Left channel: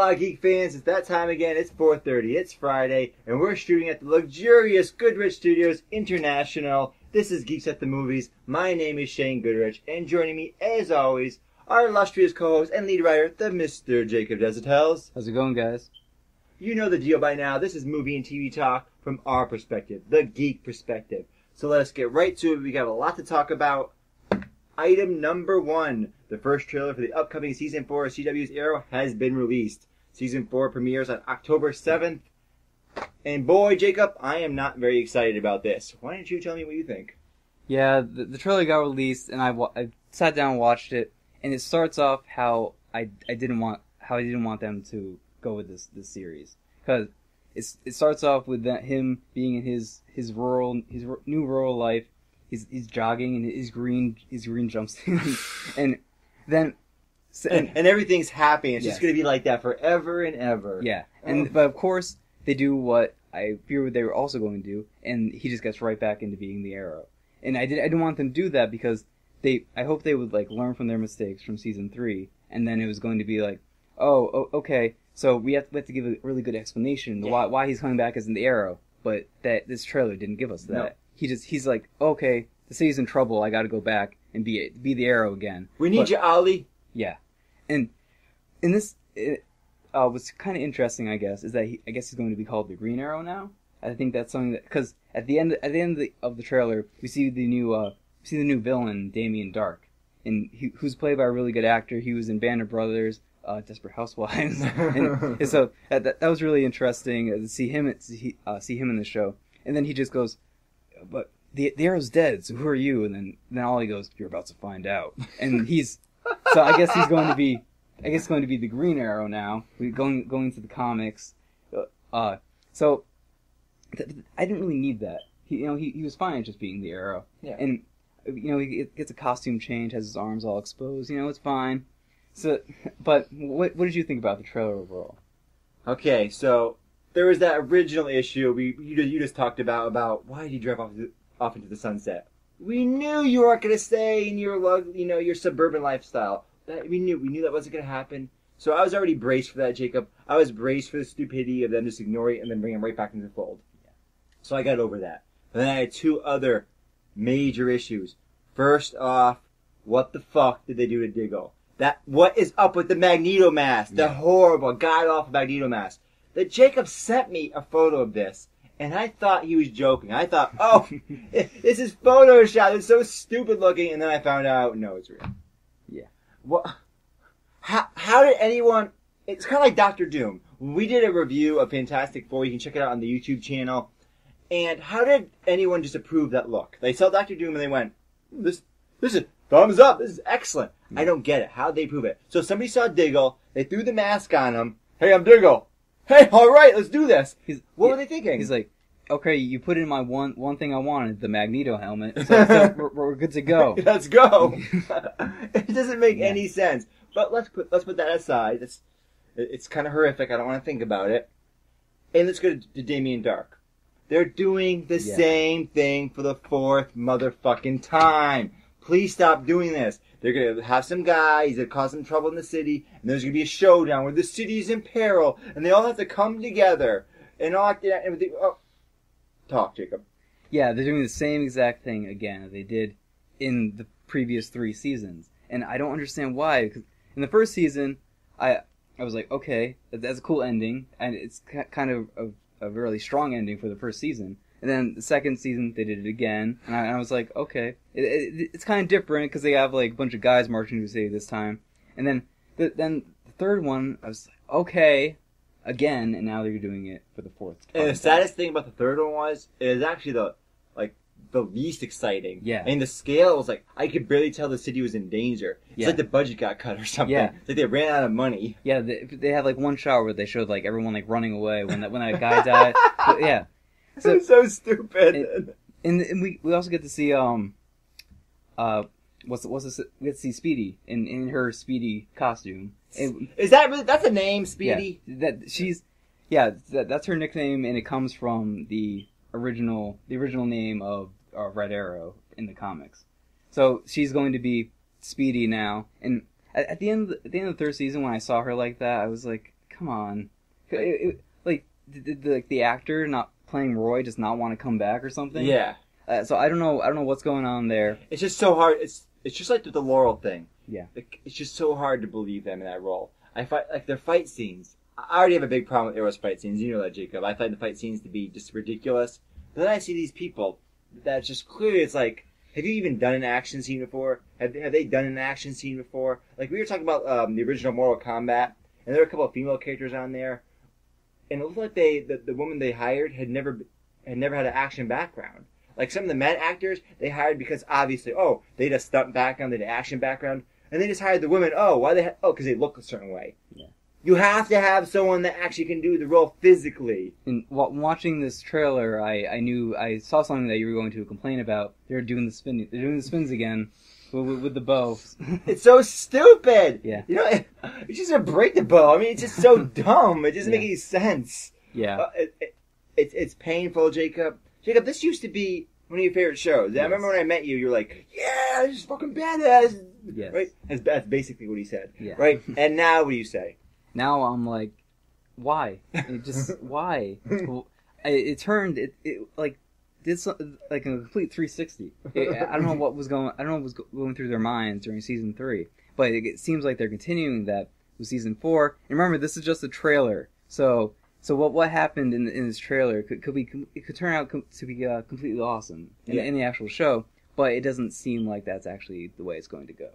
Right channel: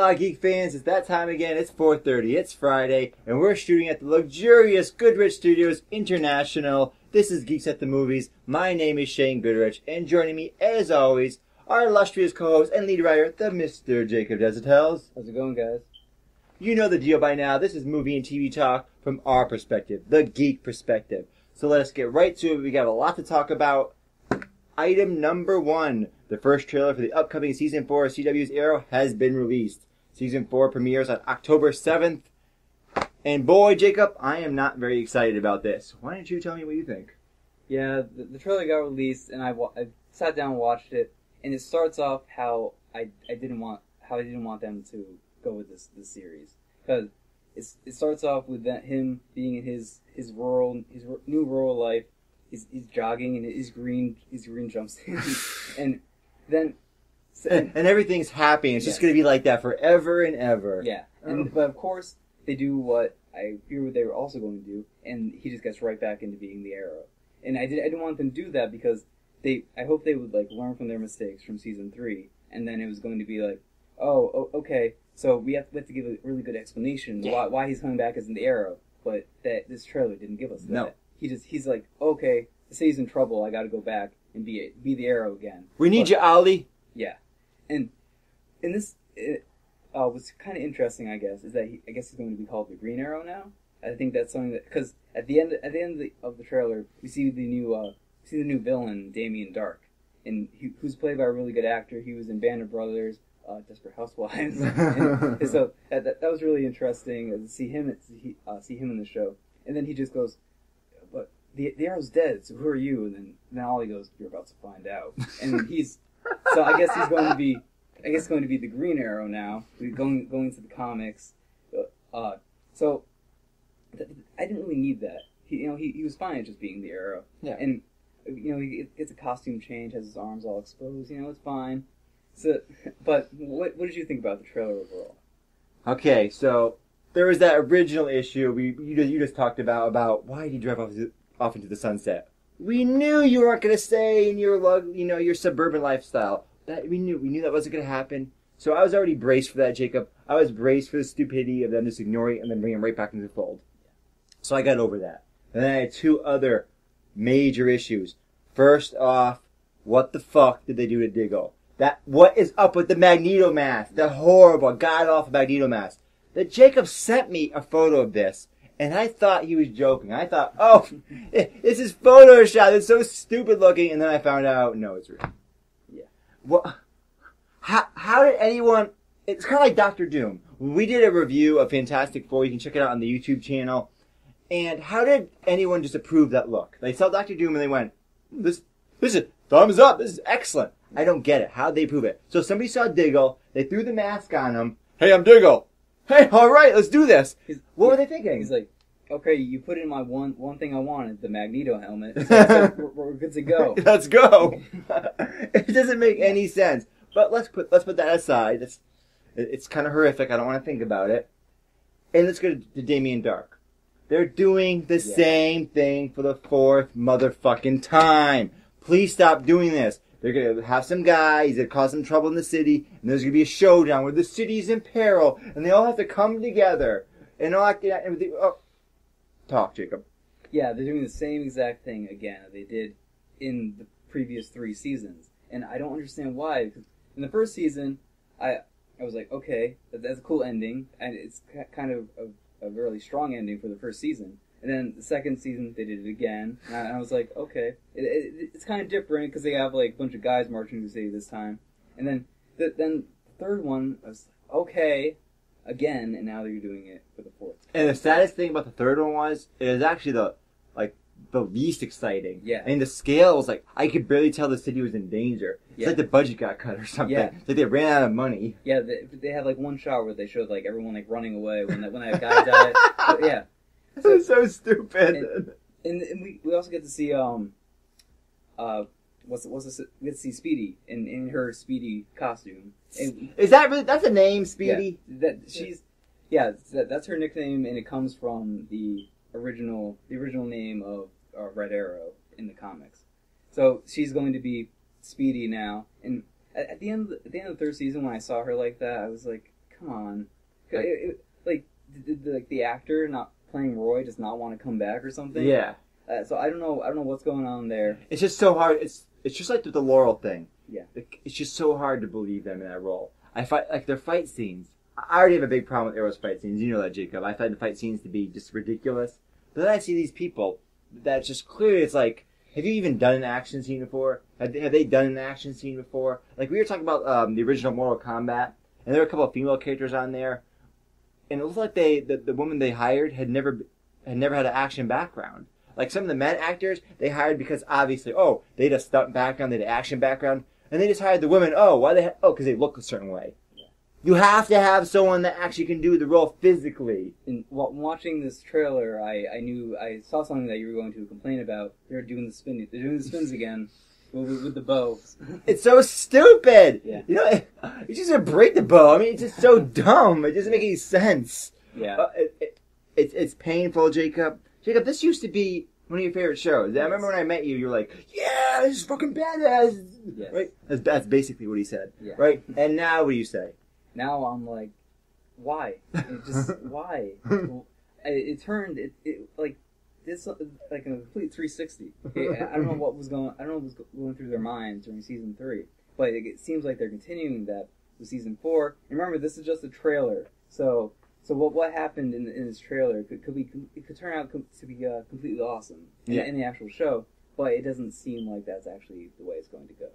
Hola, Geek fans. It's that time again. It's 4:30. It's Friday, and we're shooting at the luxurious Goodrich Studios International. This is Geeks at the Movies. My name is Shane Goodrich, and joining me, as always, our illustrious co-host and lead writer, the Mr. Jacob Desitels. How's it going, guys? You know the deal by now. This is movie and TV talk from our perspective, the geek perspective. So let us get right to it. We got a lot to talk about. Item number 1. The first trailer for the upcoming Season 4 of CW's Arrow has been released. Season 4 premieres on October 7th. And boy, Jacob, I am not very excited about this. Why don't you tell me what you think? Yeah, the trailer got released, and I sat down and watched it, and it starts off how I didn't want them to go with this series, because it starts off with him being in his new rural life. He's jogging in his green jumpsuit, and then and everything's happy. It's just going to be like that forever and ever. Yeah, but of course they do what I feared they were also going to do, and he just gets right back into being the Arrow. And I didn't want them to do that because I hope they would like learn from their mistakes from season 3, and then it was going to be like, okay, so we have to give a really good explanation why he's coming back as the Arrow, but that this trailer didn't give us that. No. He's like, okay, the city's in trouble. I got to go back and be the Arrow again. We need you, Ollie. Yeah, and in this, what's kind of interesting, I guess, is that he's going to be called the Green Arrow now. I think that's something that, because at the end of the trailer, we see the new villain, Damien Dark, and who's played by a really good actor. He was in Band of Brothers, Desperate Housewives, and so that was really interesting to see him in the show. And then he just goes, but the Arrow's dead, so who are you? And then Ollie goes, you're about to find out. And so I guess he's going to be the Green Arrow now. We're going to the comics. So I didn't really need that. He was fine at just being the Arrow. Yeah. And he gets a costume change, has his arms all exposed. It's fine. So, but what did you think about the trailer overall? Okay, so there was that original issue you just talked about why did you drive off into the sunset. We knew you weren't going to stay in your suburban lifestyle. That we knew that wasn't going to happen. So I was already braced for that, Jacob. I was braced for the stupidity of them just ignoring it and then bringing him right back into the fold. So I got over that. And then I had 2 other major issues. First off, what the fuck did they do to Diggle? What is up with the Magneto mask? The horrible, god-awful Magneto mask. That Jacob sent me a photo of this, and I thought he was joking. I thought, this is Photoshop. It's so stupid looking. And then I found out, no, it's real. Yeah. What? How did anyone... It's kind of like Dr. Doom. We did a review of Fantastic Four. You can check it out on the YouTube channel. And how did anyone just approve that look? They saw Dr. Doom and they went, this is thumbs up. This is excellent. I don't get it. How'd they prove it? So somebody saw Diggle. They threw the mask on him. Hey, I'm Diggle. Hey, all right, let's do this. What were they thinking? He's like, okay, you put in my one thing I wanted, the Magneto helmet. So we're good to go. Let's go. It doesn't make any sense. But let's put that aside. It's kind of horrific. I don't want to think about it. And let's go to Damien Dark. They're doing the same thing for the 4th motherfucking time. Please stop doing this. They're going to have some guy, he's going to cause some trouble in the city, and there's going to be a showdown where the city's in peril, and they all have to come together. And all that, talk, Jacob. Yeah, they're doing the same exact thing again that they did in the previous 3 seasons. And I don't understand why, because in the first season, I was like, okay, that's a cool ending, and it's kind of a really strong ending for the first season. And then the second season, they did it again, and I was like, okay, it's kind of different because they have like a bunch of guys marching to the city this time. And then the third one, I was like, okay, again, and now they're doing it for the 4th. And the saddest thing about the third one was, it is actually the least exciting. Yeah. I mean, the scale was like, I could barely tell the city was in danger. It's like the budget got cut or something. Yeah. Like they ran out of money. Yeah, they had like one shot where they showed like everyone like running away when that guy died. But, yeah. So, so stupid. And we also get to see what's this? We get to see Speedy in her Speedy costume. And, is that really? That's a name, Speedy. Yeah, that's her nickname, and it comes from the original name of Red Arrow in the comics. So she's going to be Speedy now. And at the end of the 3rd season, when I saw her like that, I was like, come on. Like, did the actor not playing Roy just not want to come back or something? Yeah. So I don't know what's going on there. It's just so hard. It's just like the Laurel thing. Yeah. Like, it's just so hard to believe them in that role. Their fight scenes. I already have a big problem with Arrow's fight scenes. You know that, Jacob. I find the fight scenes to be just ridiculous. But then I see these people that just clearly it's like, have you even done an action scene before? Have they done an action scene before? Like, we were talking about the original Mortal Kombat, and there were a couple of female characters on there, and it looked like the woman they hired had never had an action background. Like, some of the men actors they hired because obviously, they had a stunt background, they had an action background, and they just hired the women. Because they look a certain way. Yeah. You have to have someone that actually can do the role physically. And while watching this trailer, I saw something that you were going to complain about. They're doing the spins again with the bow. It's so stupid. Yeah. You know, you just gonna break the bow. I mean, it's just so dumb. It doesn't make any sense. Yeah. It's painful, Jacob. Jacob, this used to be one of your favorite shows. I remember when I met you, you were like, "Yeah, this is fucking badass." Yes. Right? That's basically what he said. Yeah. Right? And now what do you say? Now I'm like, why? Why? It turned like did something like a complete 360. I don't know what was going through their minds during season 3, but it seems like they're continuing that with season 4. And remember, this is just a trailer, so what happened in this trailer could turn out to be completely awesome in the actual show, but it doesn't seem like that's actually the way it's going to go.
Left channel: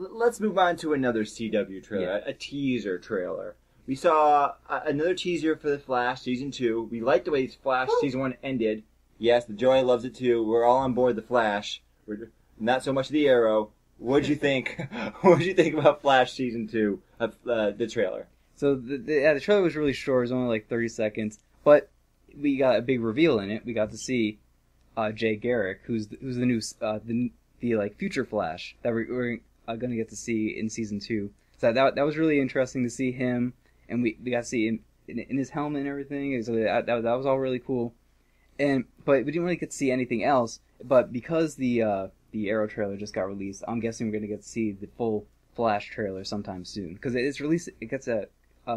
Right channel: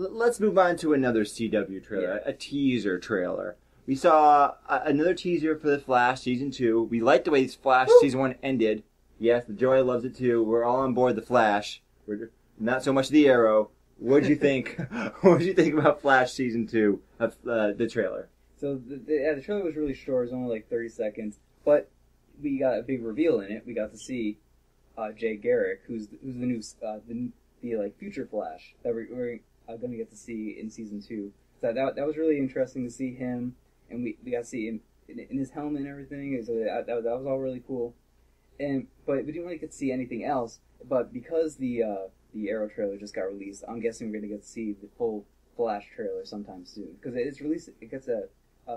Let's move on to another CW trailer, a teaser trailer. We saw another teaser for The Flash Season 2. We liked the way Flash Season 1 ended. Yes, the Joy loves it too. We're all on board The Flash. Not so much The Arrow. What'd you think? What did you think about Flash Season 2 of the trailer? So the trailer was really short. It was only like 30 seconds. But we got a big reveal in it. We got to see Jay Garrick, who's the new the future Flash that we're going to get to see in Season 2. So that was really interesting to see him. And we got to see him in his helmet and everything. So that was all really cool. But we didn't really get to see anything else. But because the Arrow trailer just got released, I'm guessing we're going to get to see the full Flash trailer sometime soon. Because it's released,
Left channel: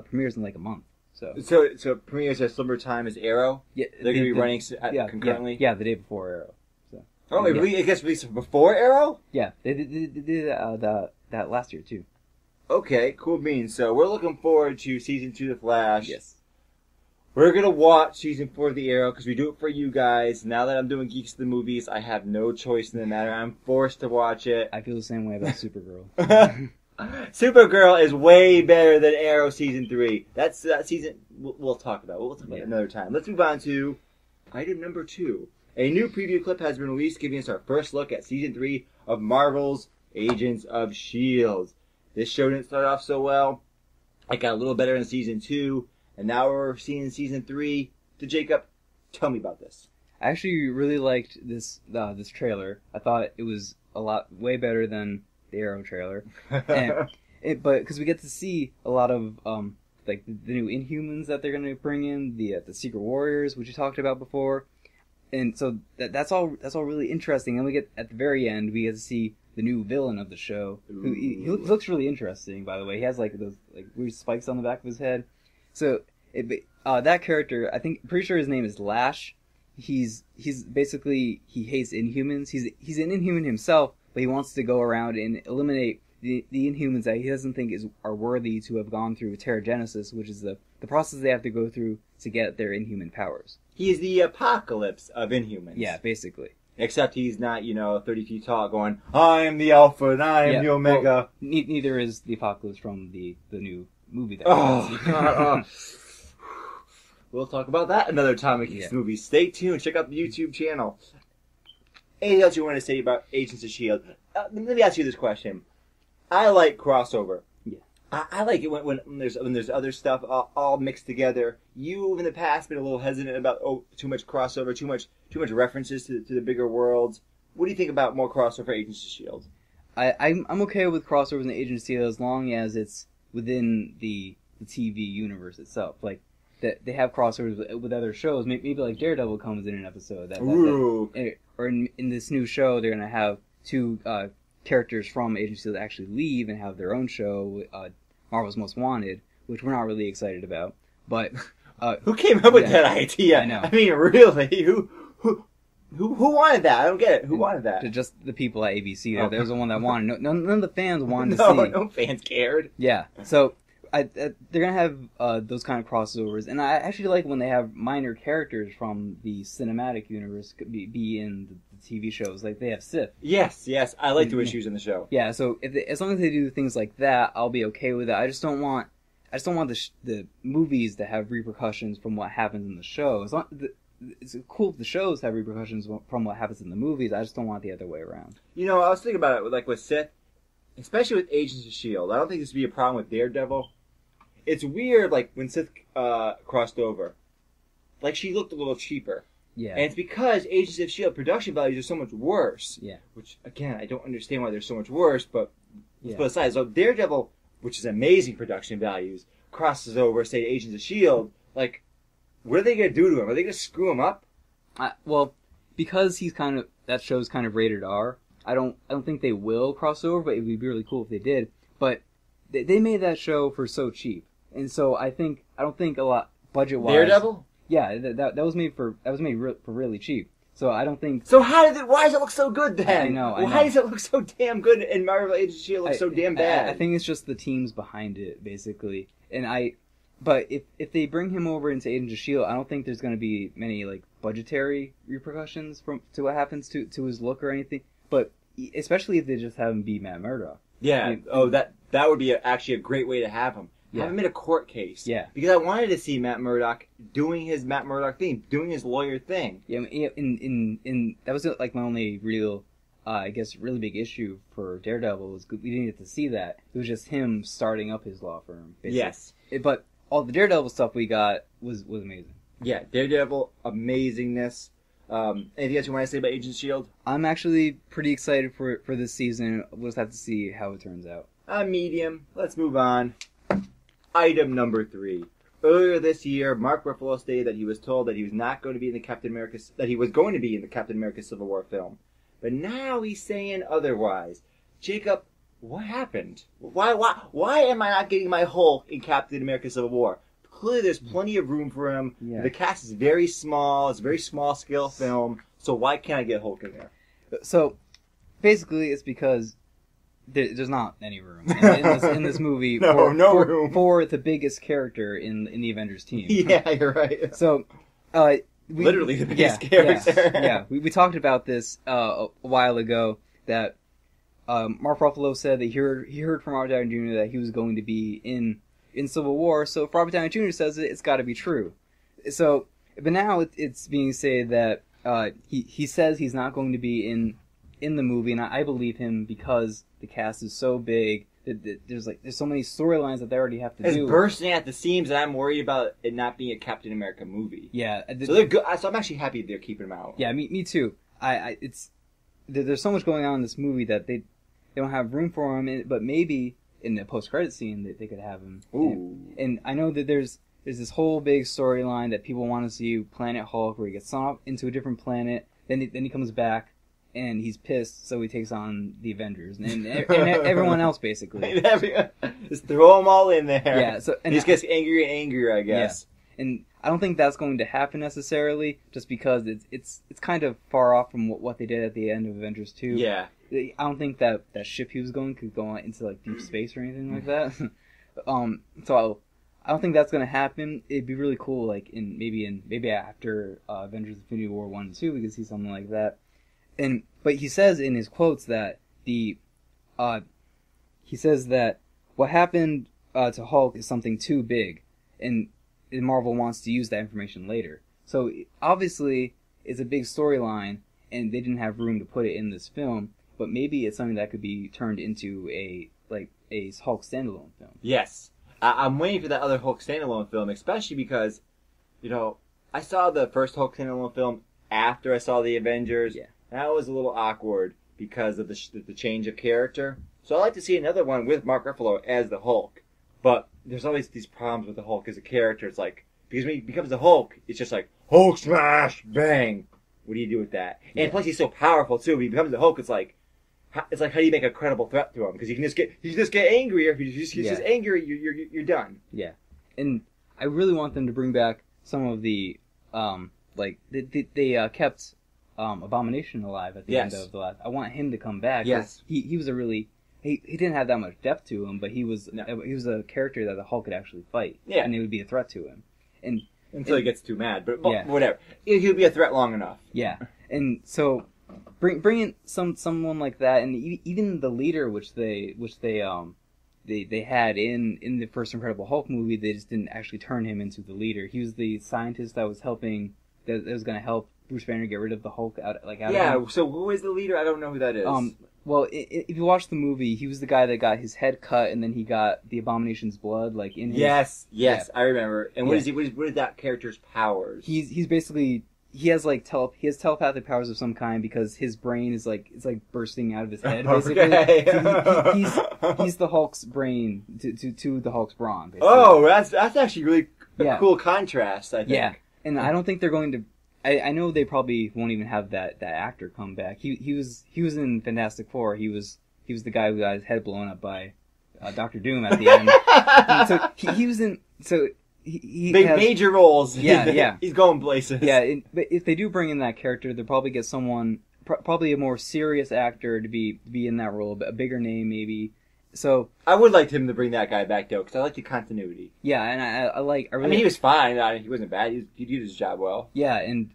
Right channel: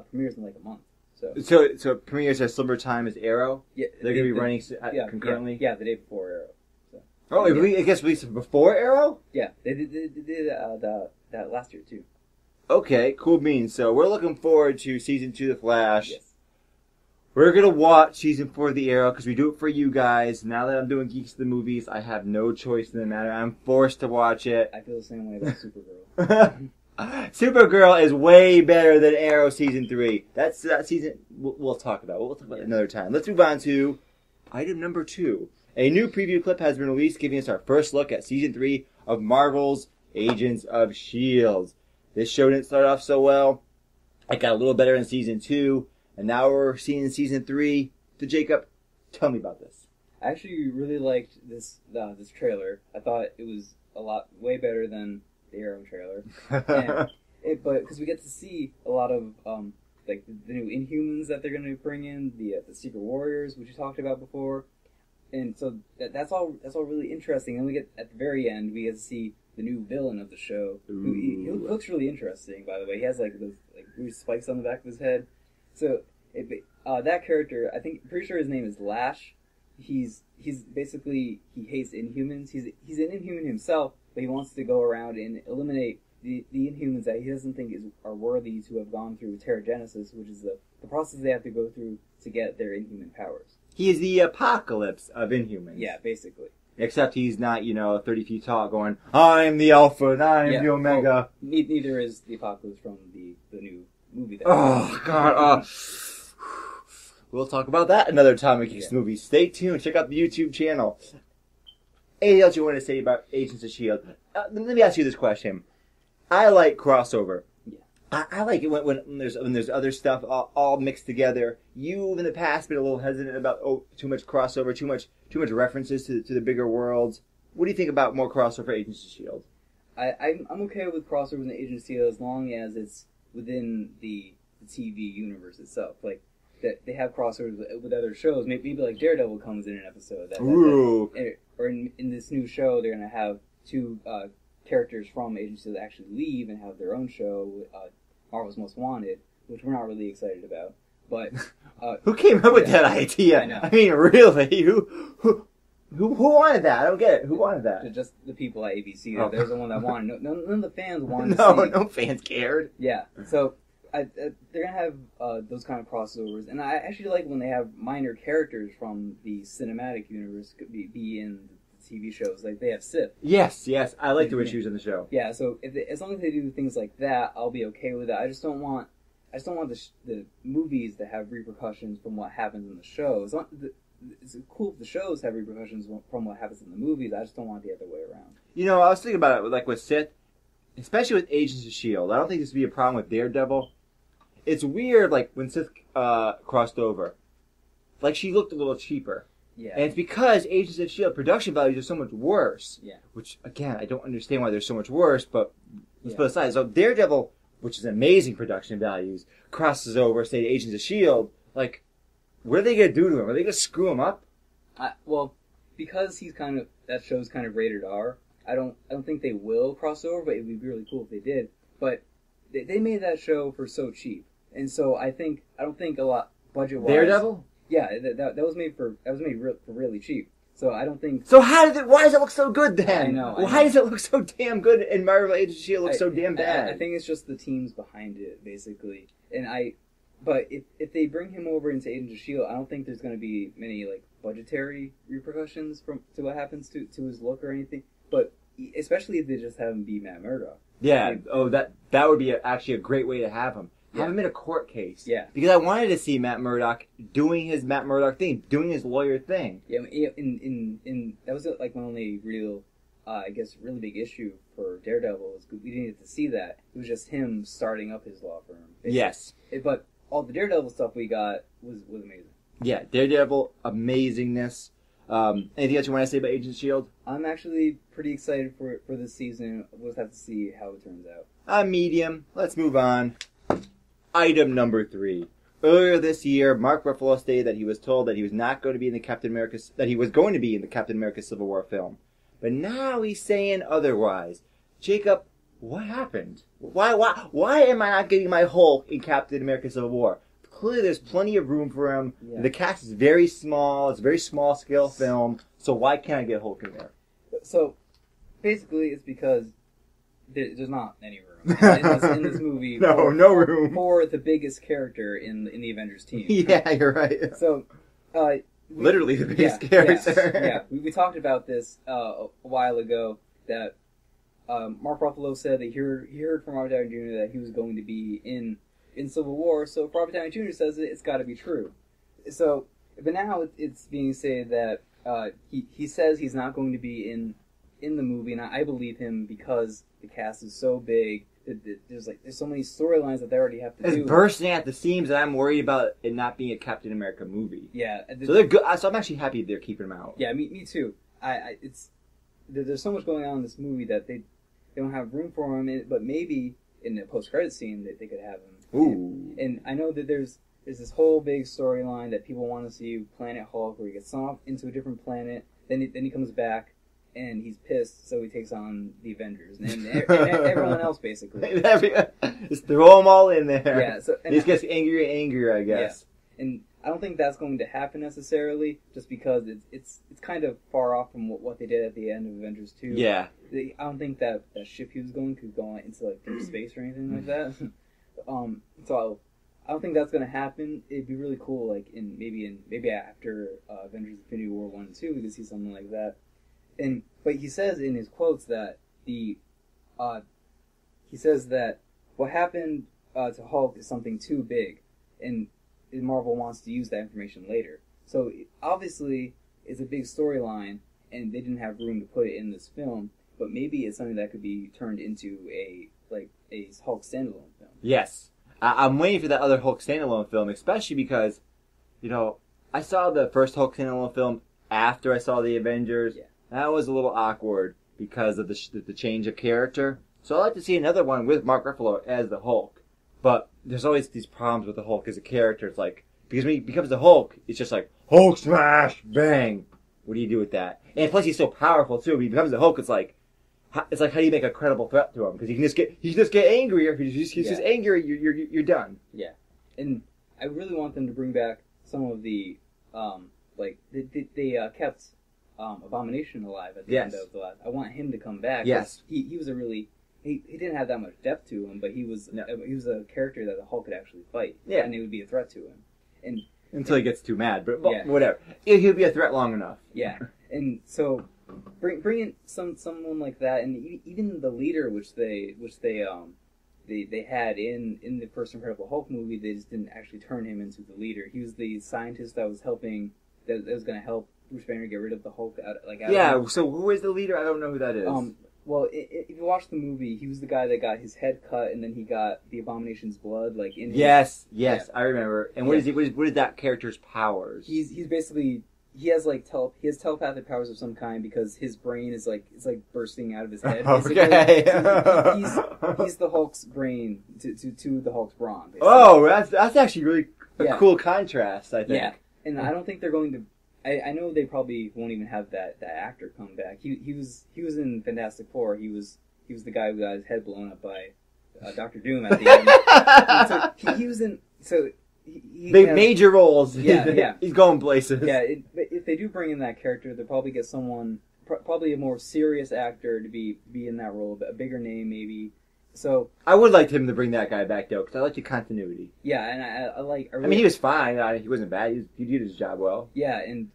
premieres in like a month. So it premieres at similar time as Arrow? Yeah, they're going to be running concurrently? Yeah, the day before Arrow. So. Oh, it gets released before Arrow? Yeah, they did that last year too. Okay, cool beans. So we're looking forward to Season 2 of The Flash. Yes. We're going to watch Season 4 of The Arrow because we do it for you guys. Now that I'm doing Geeks at the Movies, I have no choice in the matter. I'm forced to watch it. I feel the same way about Supergirl. Supergirl is way better than Arrow Season 3. That's season we'll talk about. We'll talk about it another time. Let's move on to item number 2. A new preview clip has been released giving us our first look at Season 3 of Marvel's Agents of S.H.I.E.L.D. This show didn't start off so well. It got a little better in Season 2, and now we're seeing Season 3. So Jacob, tell me about this. I actually really liked this trailer. I thought it was way better than the Arrow trailer. But because we get to see a lot of like the new Inhumans that they're going to bring in, the Secret Warriors, which you talked about before, and so that's all really interesting. And we get at the very end, we get to see the new villain of the show. Who he looks really interesting, by the way. He has like those weird spikes on the back of his head. So that character, pretty sure his name is Lash. He's basically, he hates Inhumans. He's an Inhuman himself, but he wants to go around and eliminate the Inhumans that he doesn't think are worthy to have gone through Terrigenesis, which is the process they have to go through to get their Inhuman powers. He is the apocalypse of Inhumans. Yeah, basically. Except he's not, 30 feet tall going, I'm the Alpha and I am the Omega. Well, neither is the Apocalypse from the new movie. God. We'll talk about that another time in Geeks Movies. Stay tuned. Check out the YouTube channel. Anything else you want to say about Agents of S.H.I.E.L.D.? Let me ask you this question. I like crossover. Yeah. I like it when there's other stuff all mixed together. You've in the past been a little hesitant about too much crossover, too much references to the bigger worlds. What do you think about more crossover for Agents of S.H.I.E.L.D.? I'm okay with crossovers in the Agents of S.H.I.E.L.D. as long as it's within the TV universe itself. Like that they have crossovers with other shows. Maybe like Daredevil comes in an episode. Or in this new show, they're gonna have two characters from Agents of S.H.I.E.L.D. actually leave and have their own show, Marvel's Most Wanted. which we're not really excited about. But who came up with that idea? I know. I mean, really, who wanted that? I don't get it. Who wanted that? Just the people at ABC. There was the one that wanted. None of the fans wanted No, to see. no fans cared. Yeah. So they're gonna have those kind of crossovers, and I actually like when they have minor characters from the cinematic universe be in the TV shows. Like they have Sith. Yes, I like the way she was in the show. Yeah. So as long as they do things like that, I'll be okay with it. I just don't want the movies to have repercussions from what happens in the show. It's cool if the shows have repercussions from what happens in the movies. I just don't want the other way around. You know, I was thinking about it, like with Sith, especially with Agents of S.H.I.E.L.D. I don't think this would be a problem with Daredevil. It's weird, like, when Sith crossed over. Like, she looked a little cheaper. Yeah. And it's because Agents of S.H.I.E.L.D. production values are so much worse. Yeah. Which, again, I don't understand why they're so much worse, but let's put aside. So Daredevil, which is amazing production values, crosses over, say, Agents of S.H.I.E.L.D., like, what are they going to do to him? Are they going to screw him up? Well, because that show's kind of rated R, I don't think they will cross over, but it would be really cool if they did. But they made that show for so cheap. And so I don't think a lot budget-wise. Daredevil? Yeah, that was made for really cheap. So I don't think. So why does it look so good then? I know. Why does it look so damn good and Marvel Agents of S.H.I.E.L.D. looks so damn bad? I think it's just the teams behind it, basically. But if they bring him over into Agents of S.H.I.E.L.D., I don't think there's going to be many like budgetary repercussions to what happens to his look or anything. But especially if they just have him be Matt Murdock. Yeah. That would be actually a great way to have him. Yeah. Have him in a court case. Yeah. Because I wanted to see Matt Murdock doing his Matt Murdock thing, doing his lawyer thing. Yeah. In that was like my only real, I guess, really big issue for Daredevil was we didn't get to see that. It was just him starting up his law firm. Basically. Yes. But all the Daredevil stuff we got was amazing. Yeah, Daredevil, amazingness. Anything else you want to say about Agents of S.H.I.E.L.D.? I'm actually pretty excited for this season. We'll just have to see how it turns out. Medium. Let's move on. Item number 3. Earlier this year, Mark Ruffalo stated that he was told that he was not going to be in the Captain America Civil War film. But now he's saying otherwise. Jacob, what happened? Why am I not getting my Hulk in Captain America Civil War? Clearly there's plenty of room for him. Yeah. The cast is very small. It's a very small scale film. So why can't I get Hulk in there? So basically it's because there's not any room in this movie no room for the biggest character in the Avengers team. Yeah, you're right. So literally the biggest character. Yeah. We talked about this a while ago that Mark Ruffalo said that he heard from Robert Downey Jr. that he was going to be in Civil War. So if Robert Downey Jr. says it, it's got to be true. So, but now it's being said that he says he's not going to be in the movie, and I believe him because the cast is so big that there's so many storylines that they already have to do. It's bursting at the seams, and I'm worried about it not being a Captain America movie. Yeah, so they're good. So I'm actually happy they're keeping him out. Yeah, me too. There's so much going on in this movie that they don't have room for him. But maybe in the post-credit scene that they could have him. Ooh. And I know that there's this whole big storyline that people want to see Planet Hulk, where he gets sent off into a different planet. Then he comes back. And he's pissed, so he takes on the Avengers and everyone else, basically. Just throw them all in there. Yeah, so and he just gets angrier and angrier, I guess. Yeah. And I don't think that's going to happen necessarily, just because it's kind of far off from what they did at the end of Avengers 2. Yeah. I don't think that ship he was going could go into like deep space or anything like that. So I don't think that's going to happen. It'd be really cool, like maybe after Avengers: Infinity War 1 and 2, we could see something like that. But he says in his quotes that he says that what happened to Hulk is something too big, and Marvel wants to use that information later. So obviously it's a big storyline, and they didn't have room to put it in this film. But maybe it's something that could be turned into a Hulk standalone film. Yes, I'm waiting for that other Hulk standalone film, especially because, I saw the first Hulk standalone film after I saw the Avengers. Yeah. That was a little awkward because of the change of character. So I'd like to see another one with Mark Ruffalo as the Hulk. But there's always these problems with the Hulk as a character. It's like, because when he becomes the Hulk, it's just like, Hulk smash, bang. What do you do with that? And plus he's so powerful too. When he becomes the Hulk, it's like, it's like how do you make a credible threat to him? Because you just get angrier. He's just angry. You're done. Yeah, and I really want them to bring back some of the like they kept Abomination alive at the end of the last. I want him to come back. Yes, he was a really he didn't have that much depth to him, but he was a character that the Hulk could actually fight. Yeah, and it would be a threat to him. And until he gets too mad, but whatever. He'll be a threat long enough. Yeah, and so bring in someone like that, and even the leader, which they had in the first Incredible Hulk movie, they just didn't actually turn him into the leader. He was the scientist that was helping, that was going to help Bruce Banner get rid of the Hulk out of him. So who is the leader? I don't know who that is. Well, if you watch the movie, he was the guy that got his head cut, and then he got the Abomination's blood, like in his... Yes, I remember. And what is that character's powers? He's basically he has telepathic powers of some kind because his brain is like bursting out of his head. Basically. Okay. So he's the Hulk's brain to the Hulk's brawn. Basically. Oh, that's actually really a cool contrast. I think. Yeah, and I don't think they're going to. I know they probably won't even have that actor come back. He was in Fantastic Four. He was the guy who got his head blown up by Dr. Doom at the end. So he was in. So he has major roles. Yeah. He's going places. Yeah, but if they do bring in that character, they'll probably get someone, probably a more serious actor to be in that role, a bigger name maybe. So I would like him to bring that guy back though, because I like the continuity. Yeah, and I mean, he was fine. He wasn't bad. He did his job well. Yeah, and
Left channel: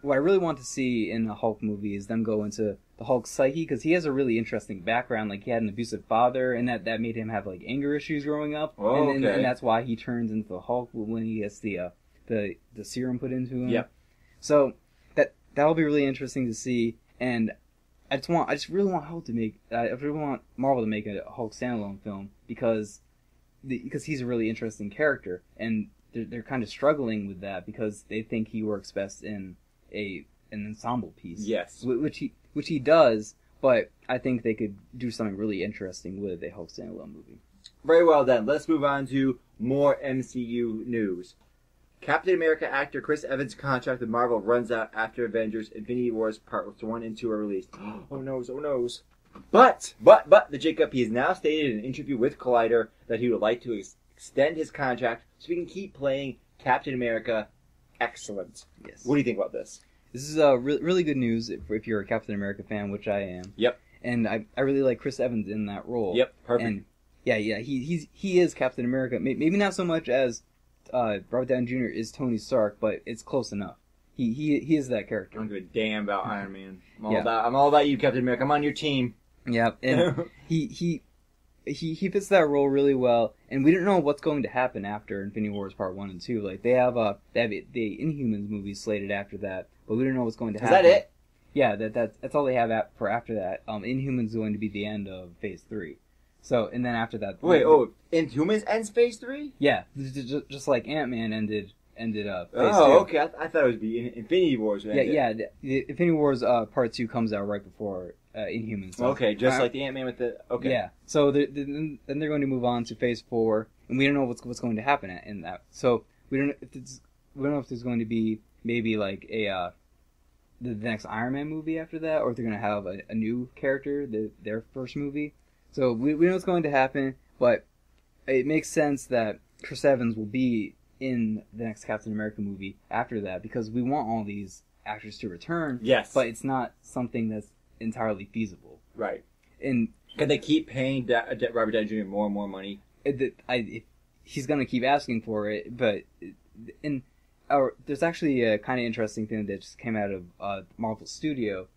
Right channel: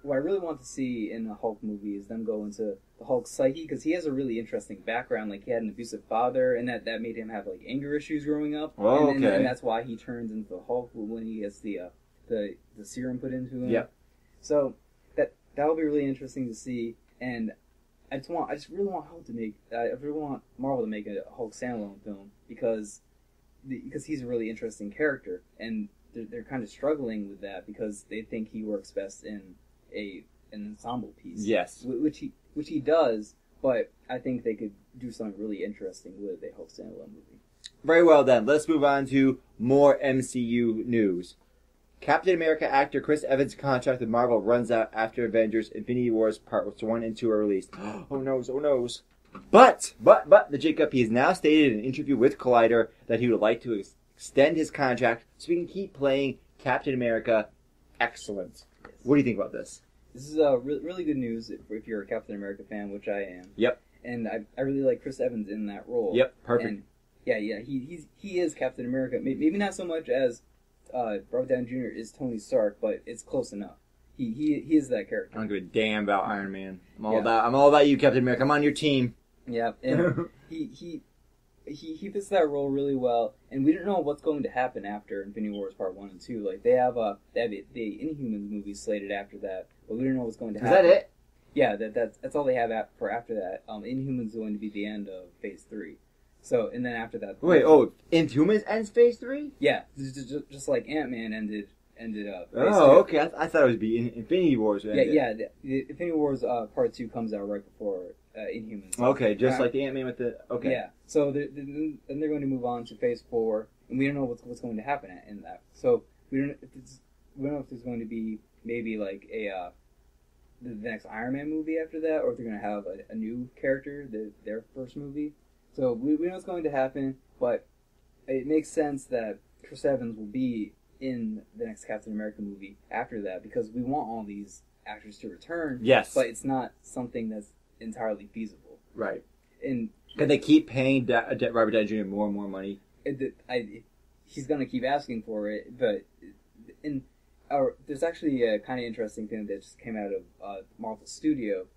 what I really want to see in a Hulk movie is them go into the Hulk's psyche, because he has a really interesting background. Like, he had an abusive father, and that made him have like anger issues growing up. Oh, and that's why he turns into the Hulk when he gets the serum put into him. Yep. So that'll be really interesting to see, and I just really want Marvel to make a Hulk standalone film because he's a really interesting character, and they're kind of struggling with that because they think he works best in an ensemble piece. Yes, which he does, but I think they could do something really interesting with a Hulk standalone movie. Very well then. Let's move on to more MCU news. Captain America actor Chris Evans' contract with Marvel runs out after Avengers Infinity Wars Parts 1 and 2 are released. Oh noes. But the Jacob, he has now stated in an interview with Collider that he would like to extend his contract so he can keep playing Captain America. Excellent. Yes. What do you think about this? This is really good news if you're a Captain America fan, which I am. Yep. And I really like Chris Evans in that role. Yep, perfect. And he is Captain America. Maybe not so much as Robert Downey Jr. is Tony Stark, but it's close enough. He is that character. I don't give a damn about Iron Man. I'm all about you, Captain America. I'm on your team. Yeah, and he fits that role really well. And we don't know what's going to happen after Infinity Wars Part 1 and 2. Like, they have the Inhumans movie slated after that, but we don't know what's going to happen. Is that it? Yeah, that's all they have for after that. Inhumans is going to be the end of Phase 3. So, and then after that... Wait, Inhumans ends Phase 3? Yeah, just like Ant-Man ended Phase 3. Okay. I thought it would be Infinity Wars. Yeah, the Infinity Wars Part 2 comes out right before Inhumans. So, okay, just like the Ant-Man with the... Okay. Yeah, so then they're going to move on to Phase 4, and we don't know what's going to happen in that. So, we don't know if there's going to be maybe like the next Iron Man movie after that, or if they're going to have a new character, their first movie. So we know what's going to happen, but it makes sense that Chris Evans will be in the next Captain America movie after that, because we want all these actors to return. Yes. But it's not something that's entirely feasible. Right. And can they keep paying Robert Downey Jr. more and more money? He's going to keep asking for it, but there's actually a kind of interesting thing that just came out of Marvel Studio.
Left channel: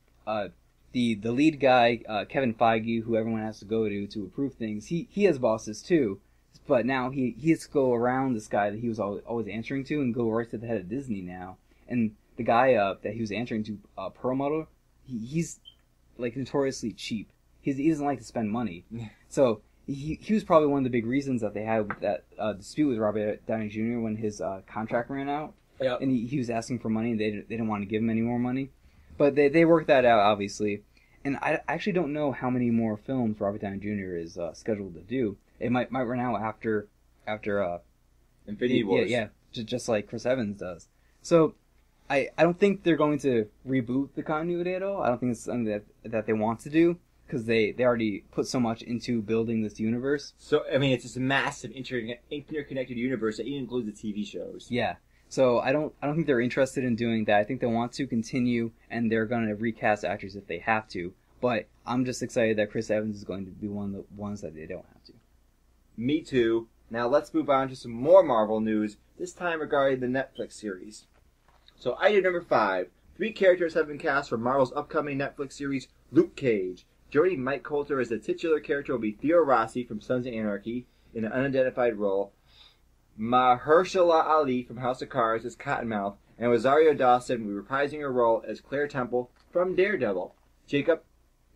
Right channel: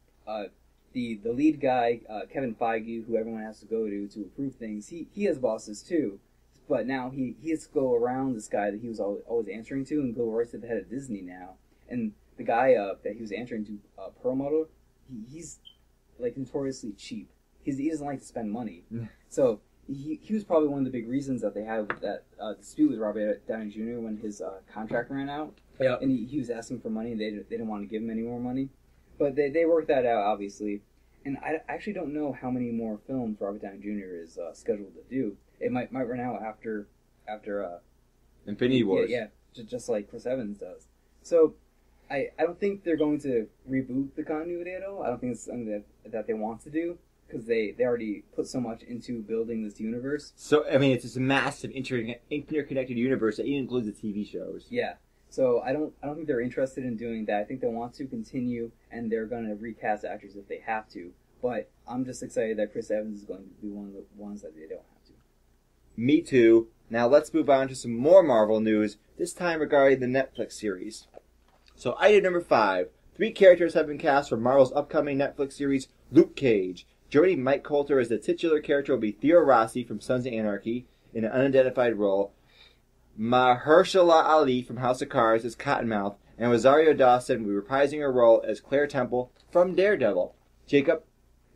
The lead guy, Kevin Feige, who everyone has to go to approve things, he has bosses too, but now he has to go around this guy that he was always answering to and go right to the head of Disney now. And the guy that he was answering to, Perlmutter, he's like notoriously cheap. He doesn't like to spend money. So he was probably one of the big reasons that they had that dispute with Robert Downey Jr. when his contract ran out. Yep. And he was asking for money, and they didn't want to give him any more money. But they worked that out, obviously. And I actually don't know how many more films Robert Downey Jr. is scheduled to do. It might run out after Infinity Wars. Yeah, just like Chris Evans does. So I don't think they're going to reboot the continuity at all. I don't think it's something that they want to do. because they already put so much into building this universe. So, I mean, it's this massive interconnected universe that even includes the TV shows. Yeah. So I don't think they're interested in doing that. I think they want to continue, and they're going to recast actors if they have to. But I'm just excited that Chris Evans is going to be one of the ones that they don't have to. Me too. Now let's move on to some more Marvel news, this time regarding the Netflix series. So item number 5. 3 characters have been cast for Marvel's upcoming Netflix series, Luke Cage. Joining Mike Coulter as the titular character will be Theo Rossi from Sons of Anarchy in an unidentified role. Mahershala Ali from House of Cards as Cottonmouth, and Rosario Dawson will be reprising her role as Claire Temple from Daredevil. Jacob,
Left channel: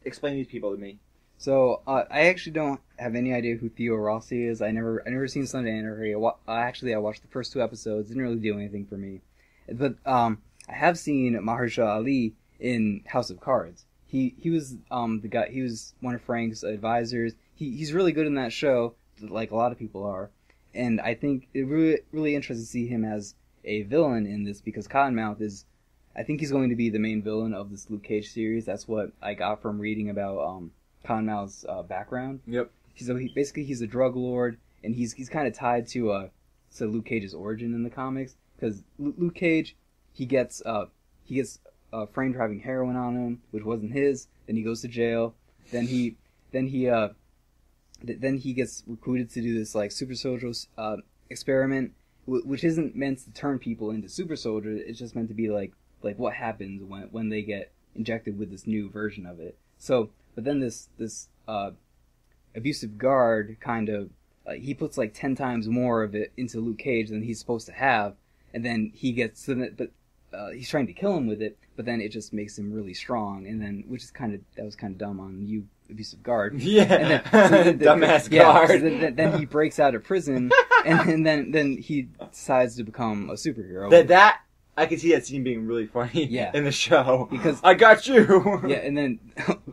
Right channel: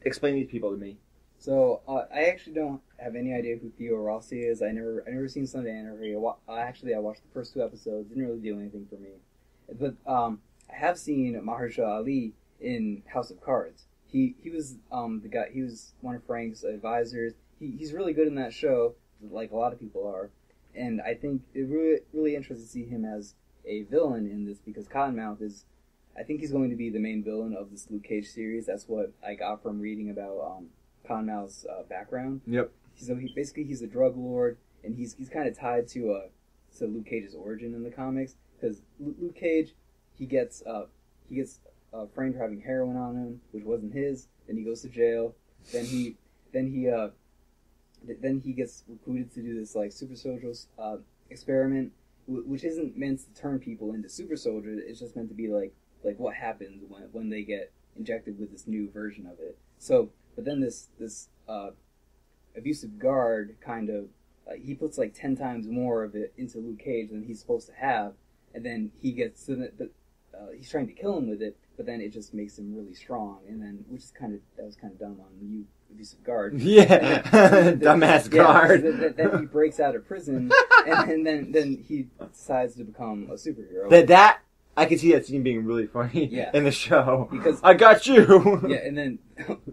explain these people to me. So I actually don't have any idea who Theo Rossi is. I never seen Sons of Anarchy. I watched the first 2 episodes. Didn't really do anything for me. But I have seen Mahershala Ali in House of Cards. He was the guy. He was one of Frank's advisors. He's really good in that show, like a lot of people are. And I think it really interesting to see him as a villain in this, because Cottonmouth is, I think he's going to be the main villain of this Luke Cage series. That's what I got from reading about Cottonmouth's background. Yep. So he's a drug lord, and he's kind of tied to Luke Cage's origin in the comics, because Luke Cage he gets framed for having heroin on him, which wasn't his. Then he goes to jail. Then he gets recruited to do this like super soldiers experiment, which isn't meant to turn people into super soldiers. It's just meant to be like what happens when they get injected with this new version of it. So, but then this abusive guard kind of he puts like 10 times more of it into Luke Cage than he's supposed to have, and then he gets he's trying to kill him with it, but then it just makes him really strong, and then that was kind of dumb on you, abusive guard. Yeah, dumbass guard. So then he breaks out of prison, and then he decides to become a superhero. That I can see that scene being really funny. In the show, because I got you. Yeah, and then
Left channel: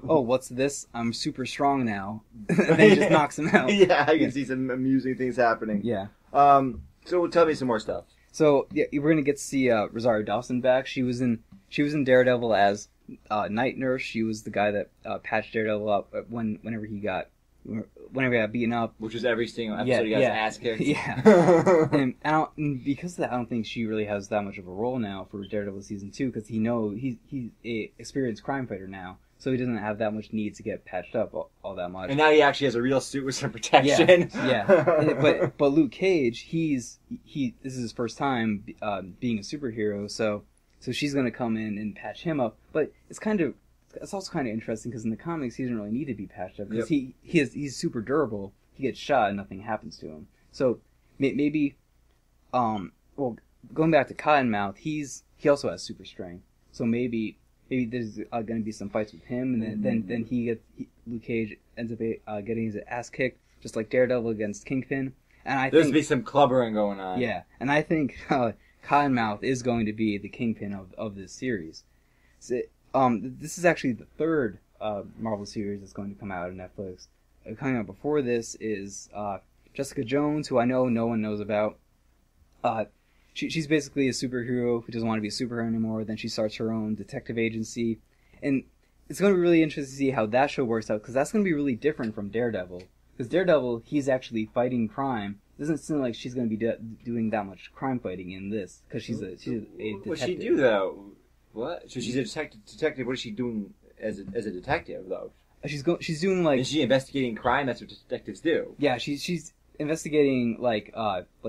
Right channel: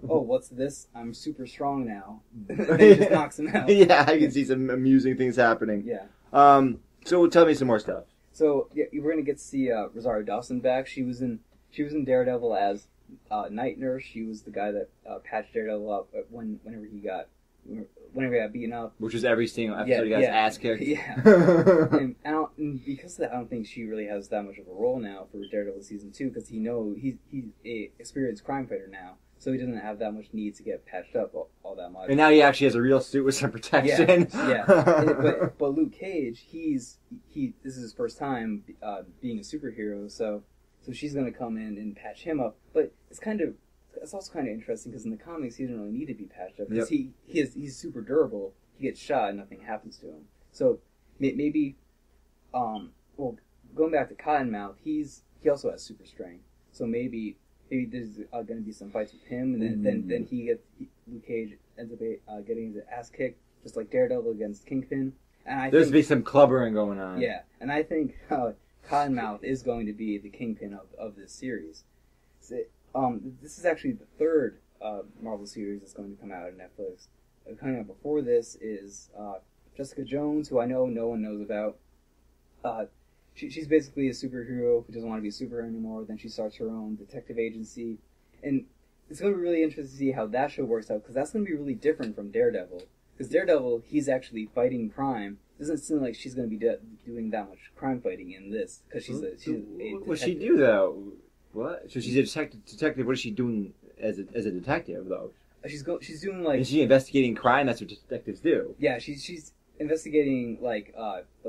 oh, what's this? I'm super strong now. And then he just knocks him out. Yeah, I can see some amusing things happening. Yeah. So tell me some more stuff. So yeah, we're gonna get to see Rosario Dawson back. She was in Daredevil as Night Nurse. She was the guy that patched Daredevil up whenever he got beaten up. Which was every single episode he got his ass kicked. Yeah. and because of that, I don't think she really has that much of a role now for Daredevil season 2, because he's a experienced crime fighter now, so he doesn't have that much need to get patched up all that much. And now he actually has a real suit with some protection. Yeah. But Luke Cage, this is his first time being a superhero, so she's gonna come in and patch him up. But it's also kind of interesting, because in the comics he doesn't really need to be patched up, because he's super durable. He gets shot and nothing happens to him. So maybe going back to Cottonmouth, he also has super strength. So maybe there's going to be some fights with him, and then Luke Cage ends up getting his ass kicked, just like Daredevil against Kingpin. And There's be some clubbering going on. Yeah, and I think Cottonmouth is going to be the Kingpin of this series. So, this is actually the 3rd Marvel series that's going to come out on Netflix. Coming out before this is Jessica Jones, who I know no one knows about. She's basically a superhero who doesn't want to be a superhero anymore. Then she starts her own detective agency. And it's going to be really interesting to see how that show works out, because that's going to be really different from Daredevil. Because Daredevil, he's actually fighting crime. It doesn't seem like she's going to be doing that much crime fighting in this, because she's a detective. What does she do, though? What? So she's a detective. What is she doing as a detective, though? She's doing like. Is she investigating crime? That's what detectives do. Yeah, she's investigating like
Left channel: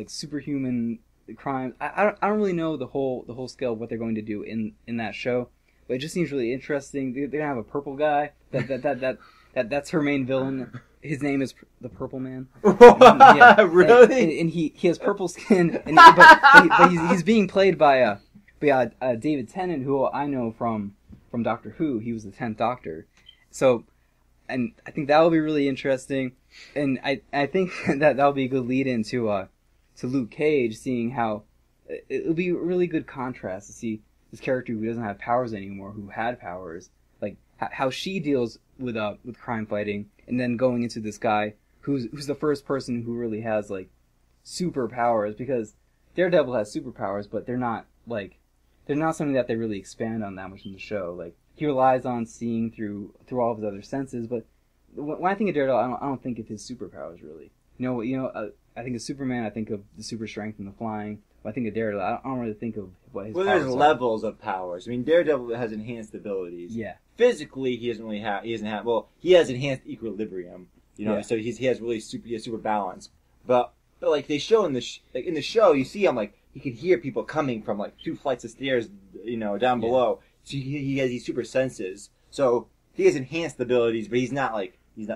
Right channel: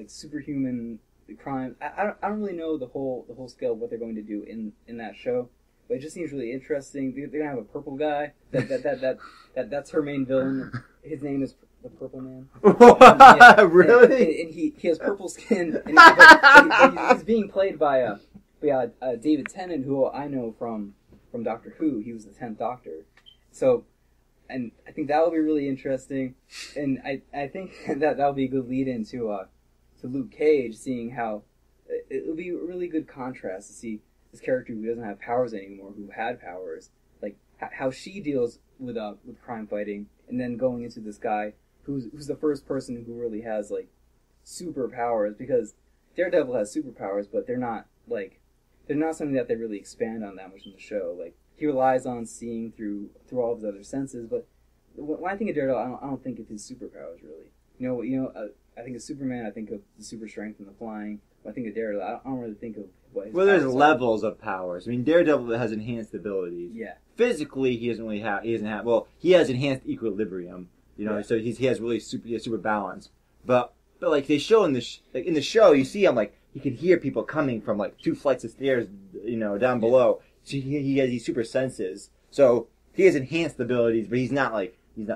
superhuman crime. I don't really know the whole scale of what they're going to do in that show, but it just seems really interesting. They're gonna have a purple guy. That's her main villain. His name is the Purple Man. Really? And he has purple skin. But he's being played by David Tennant, who I know from Doctor Who. He was the 10th Doctor. So, and I think that will be really interesting. And I think that'll be a good lead into Luke Cage, seeing how it'll be a really good contrast to see this character who doesn't have powers anymore, who had powers, like how she deals with crime fighting, and then going into this guy who's the first person who really has like superpowers, because Daredevil has superpowers, but they're not something that they really expand on that much in the show. Like he relies on seeing through all of his other senses. But when I think of Daredevil, I don't think of his superpowers really. I think of Superman. I think of the super strength and the flying. When I think of Daredevil, I don't really think of what his Well, powers there's are. levels of powers. I mean, Daredevil has enhanced abilities. Yeah. Physically, he doesn't really have. He doesn't have. Well, he has enhanced equilibrium. Yeah. So he has really super balance. But like they show in the show, you see him like he can hear people coming from like 2 flights of stairs, down below. So he has these super senses. So he has enhanced abilities, but he's not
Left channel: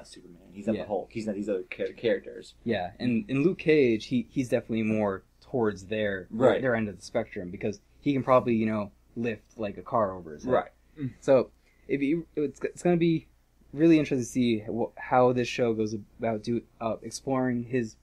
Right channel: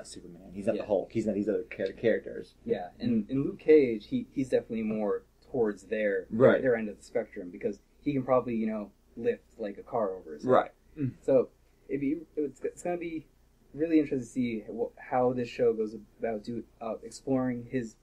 Superman. He's not the Hulk. He's not these other characters. Yeah, and in Luke Cage, he's definitely more towards their end of the spectrum because he can probably lift like a car over his head. Right. So it's going to be really interesting to see how this show goes about exploring his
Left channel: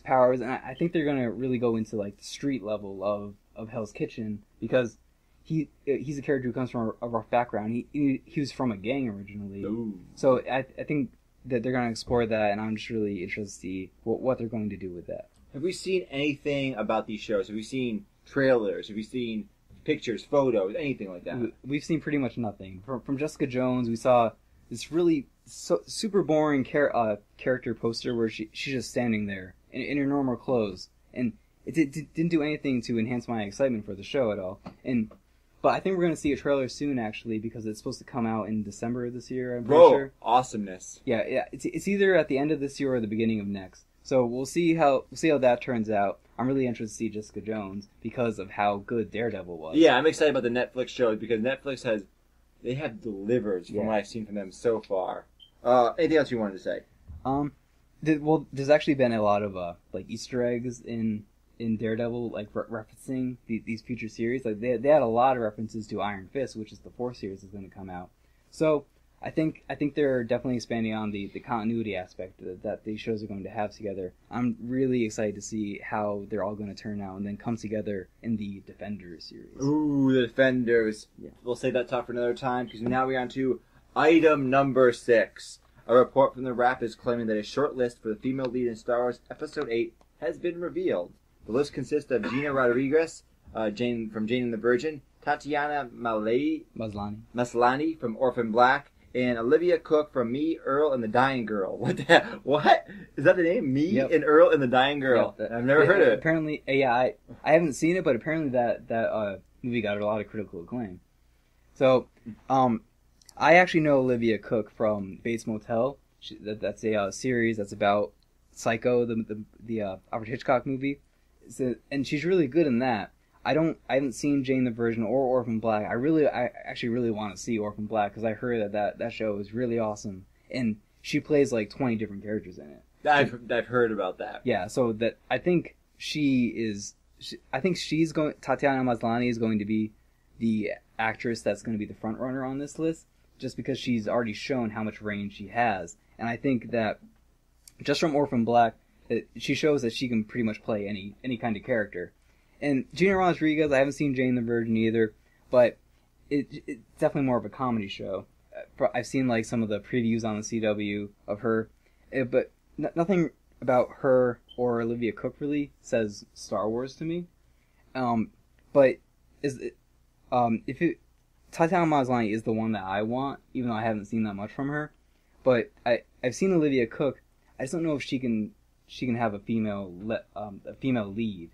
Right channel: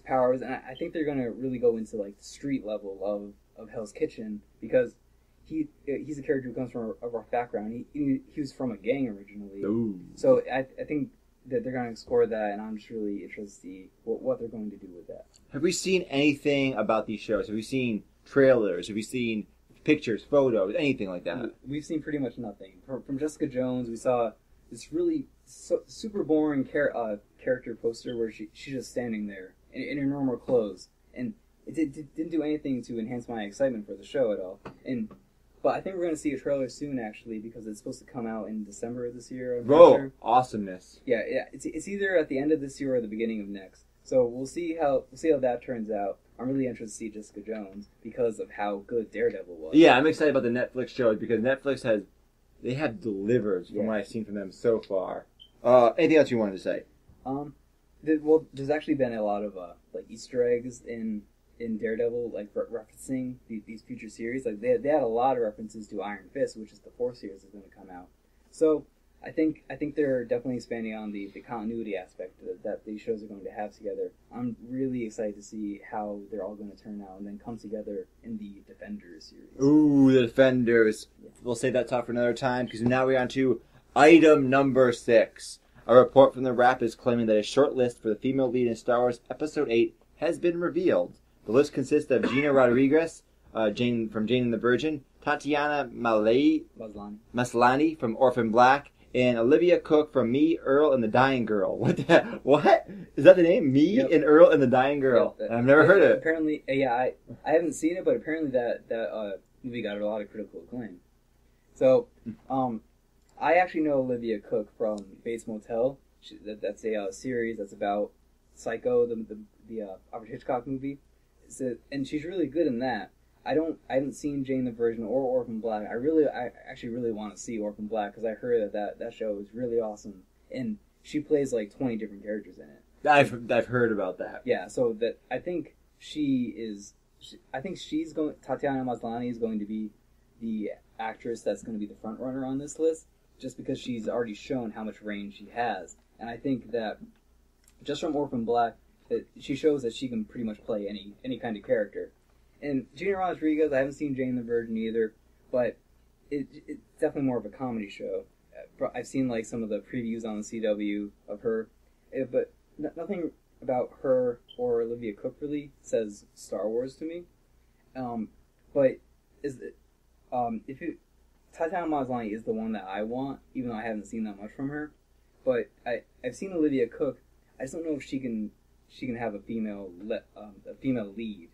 powers, and I think they're going to really go into like the street level of Hell's Kitchen because he's a character who comes from a rough background. He was from a gang originally. Ooh. So I think that they're going to explore that, and I'm just really interested to see what they're going to do with that. Have we seen anything about these shows? Have we seen trailers? Have we seen pictures, photos, anything like that? We've seen pretty much nothing. From Jessica Jones, we saw this really super boring character poster where she's just standing there in her normal clothes, and it didn't do anything to enhance my excitement for the show at all. But I think we're going to see a trailer soon, actually, because it's supposed to come out in December of this year. I'm pretty sure. Awesomeness! Yeah. It's either at the end of this year or the beginning of next. So we'll see how that turns out. I'm really interested to see Jessica Jones because of how good Daredevil was. Yeah, I'm excited about the Netflix shows because Netflix have delivered from what I've seen from them so far. Anything else you wanted to say? There's actually been a lot of like Easter eggs in Daredevil, like referencing these future series. Like they had a lot of references to Iron Fist, which is the 4th series that's going to come out. So I think they're definitely expanding on the continuity aspect that these shows are going to have together. I'm really excited to see how they're all going to turn out and then come together in the Defenders series. Ooh, the Defenders. Yeah. We'll save that talk for another time because now we're on to item number 6. A report from the Wrap is claiming that a short list for the female lead in Star Wars Episode 8 has been revealed. The list consists of Gina Rodriguez, Jane from Jane and the Virgin, Tatiana Maslany from Orphan Black, and Olivia Cook from Me, Earl, and the Dying Girl. What? Is that the name? Me and Earl and the Dying Girl. I've never heard of it. Apparently, I haven't seen it, but apparently that movie got a lot of critical acclaim. So, I actually know Olivia Cook from Bates Motel. That's a series that's about Psycho, the Alfred Hitchcock movie. And she's really good in that. I haven't seen Jane the Virgin or Orphan Black. I actually really want to see Orphan Black because I heard that show is really awesome, and she plays like 20 different characters in it. I've heard about that. Yeah, so that I think Tatiana Maslany is going to be the actress that's going to be the front runner on this list, just because she's already shown how much range she has, and I think that just from Orphan Black, she shows that she can pretty much play any kind of character. And Gina Rodriguez, I haven't seen Jane the Virgin either, but it's definitely more of a comedy show. I've seen like some of the previews on the CW of her, but nothing about her or Olivia Cook really says Star Wars to me. But Tatiana Maslany is the one that I want, even though I haven't seen that much from her. But I've seen Olivia Cook. I just don't know if she can have a female lead.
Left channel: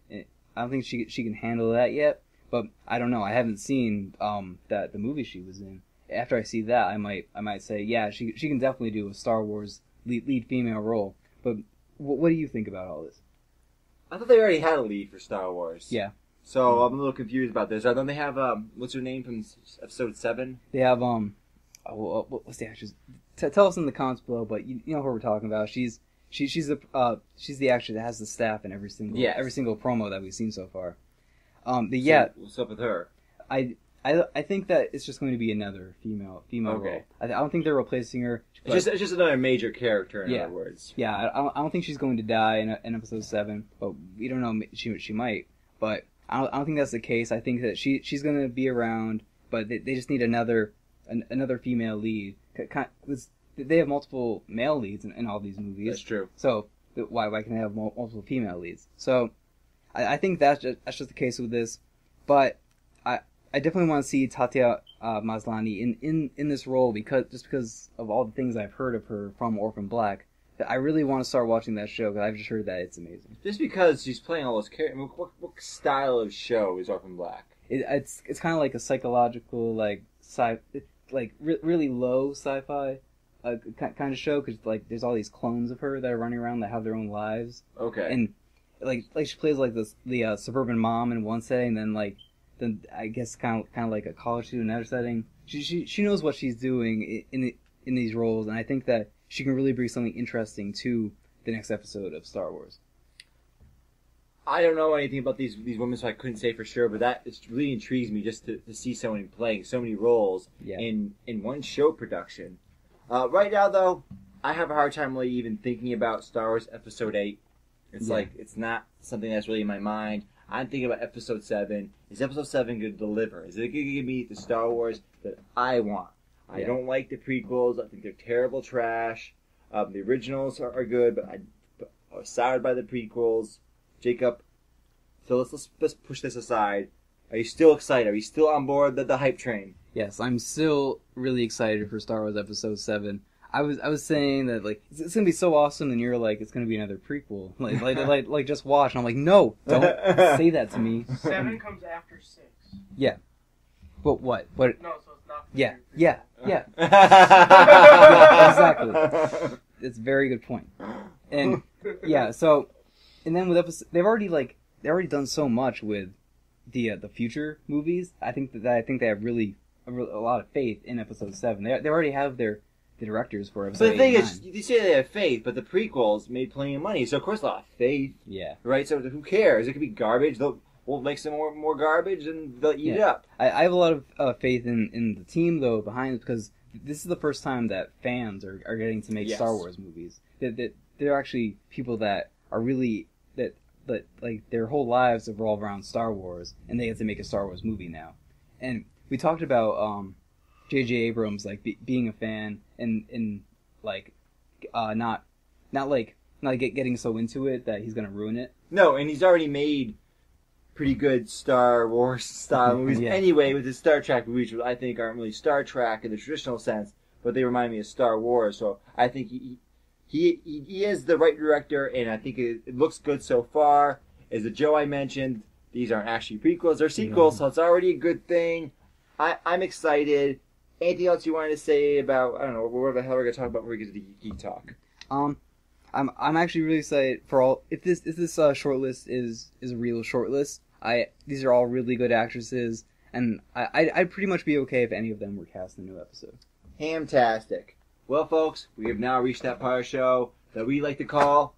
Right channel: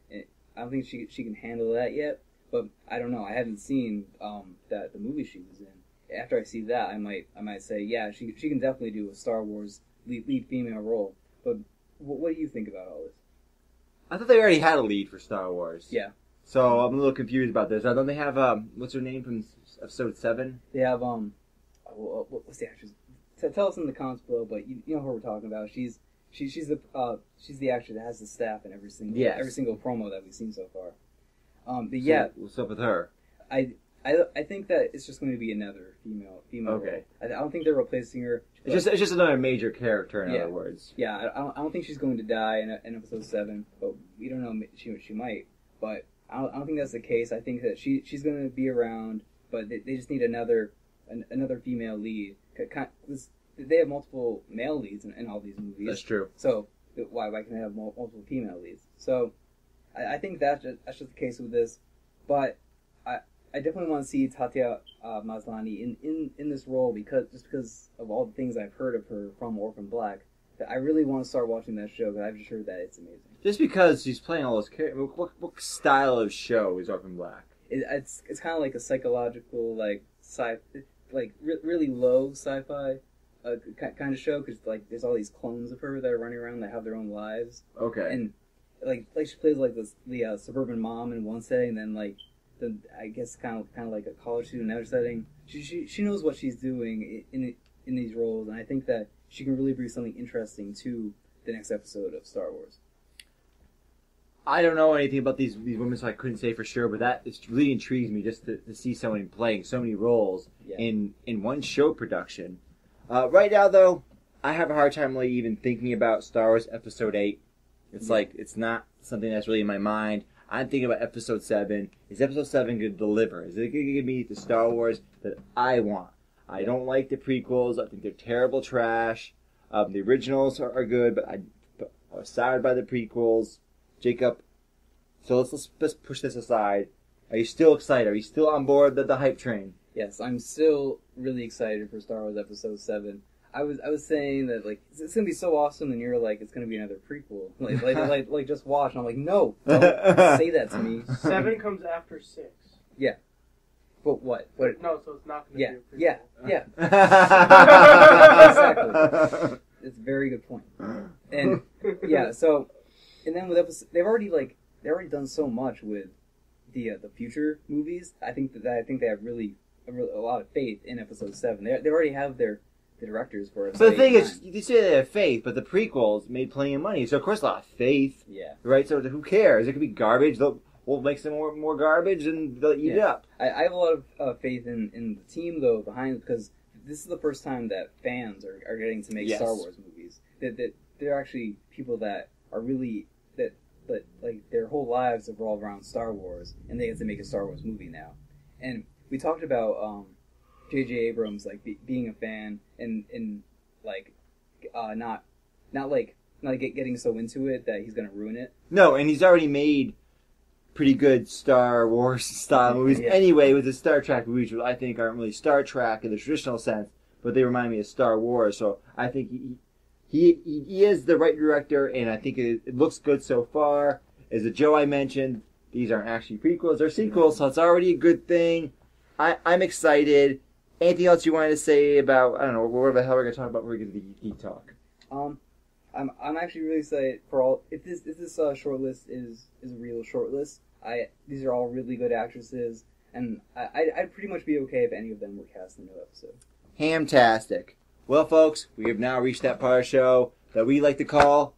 I don't think she can handle that yet, but I don't know. I haven't seen the movie she was in. After I see that, I might say, yeah, she can definitely do a Star Wars lead female role. But what do you think about all this? I thought they already had a lead for Star Wars. Yeah. So I'm a little confused about this. Don't they have what's her name from Episode 7? They have what's the actress? Tell us in the comments below. But you know who we're talking about. She's the actress that has the staff in every single promo that we've seen so far. So what's up with her? I think that it's just going to be another female role. I don't think they're replacing her. It's just another major character, in other words. Yeah, I don't think she's going to die in Episode 7, but we don't know. She might, but I don't think that's the case. I think that she's going to be around, but they just need another female lead. They have multiple male leads in all these movies. That's true. So why can they have multiple female leads? So I think that's just the case with this. But I definitely want to see Tatiana Maslany in this role because of all the things I've heard of her from Orphan Black. That I really want to start watching that show because I've just heard that it's amazing. Just because she's playing all those characters, what style of show is Orphan Black? It's kind of like a psychological really low sci-fi kind of show because like there's all these clones of her that are running around that have their own lives. Okay. And like she plays like the suburban mom in one setting, then I guess kind of like a college student in another setting. She knows what she's doing in these roles, and I think that she can really bring something interesting to the next episode of Star Wars. I don't know anything about these women, so I couldn't say for sure, but that really intrigues me just to see someone playing so many roles in one show production. Right now, though, I have a hard time really even thinking about Star Wars Episode 8. It's like, it's not something that's really in my mind. I'm thinking about Episode 7. Is Episode 7 going to deliver? Is it going to give me the Star Wars that I want? I don't like the prequels. I think they're terrible trash. The originals are good, but I was soured by the prequels. Jacob, so let's push this aside. Are you still excited? Are you still on board the hype train? Yes, I'm still really excited for Star Wars Episode 7. I was saying that like it's gonna be so awesome, and you're like it's gonna be another prequel. Like just watch. And I'm like, no, don't say that to me. 7 comes after 6. Yeah. But what? What? No, so it's not gonna Yeah, be a prequel. yeah. Exactly. It's a very good point. And yeah, so and then with episode, they've already done so much with the future movies. I think they have really a lot of faith in Episode 7. They already have the directors for it. But the thing is, you say they have faith, but the prequels made plenty of money, so of course a lot of faith. Yeah. Right. So who cares? It could be garbage. We'll make some more garbage, and they'll eat it up. I have a lot of faith in the team though behind it because this is the first time that fans are getting to make Star Wars movies. That they're actually people that are really that like their whole lives revolve around Star Wars, and they get to make a Star Wars movie now. And we talked about J.J. Abrams like being a fan and like not getting so into it that he's gonna ruin it. No, and he's already made pretty good Star Wars style movies anyway with the Star Trek movies, which I think aren't really Star Trek in the traditional sense, but they remind me of Star Wars. So I think he is the right director, and I think it looks good so far. As the Joe I mentioned, these aren't actually prequels, they're sequels, so it's already a good thing. I'm excited. Anything else you wanted to say about, I don't know, what the hell we're going to talk about when we get to the Geek Talk? I'm actually really excited for all. If this shortlist is a real shortlist, these are all really good actresses, and I'd pretty much be okay if any of them were cast in a new episode. Hamtastic. Well, folks, we have now reached that part of the show that we like to call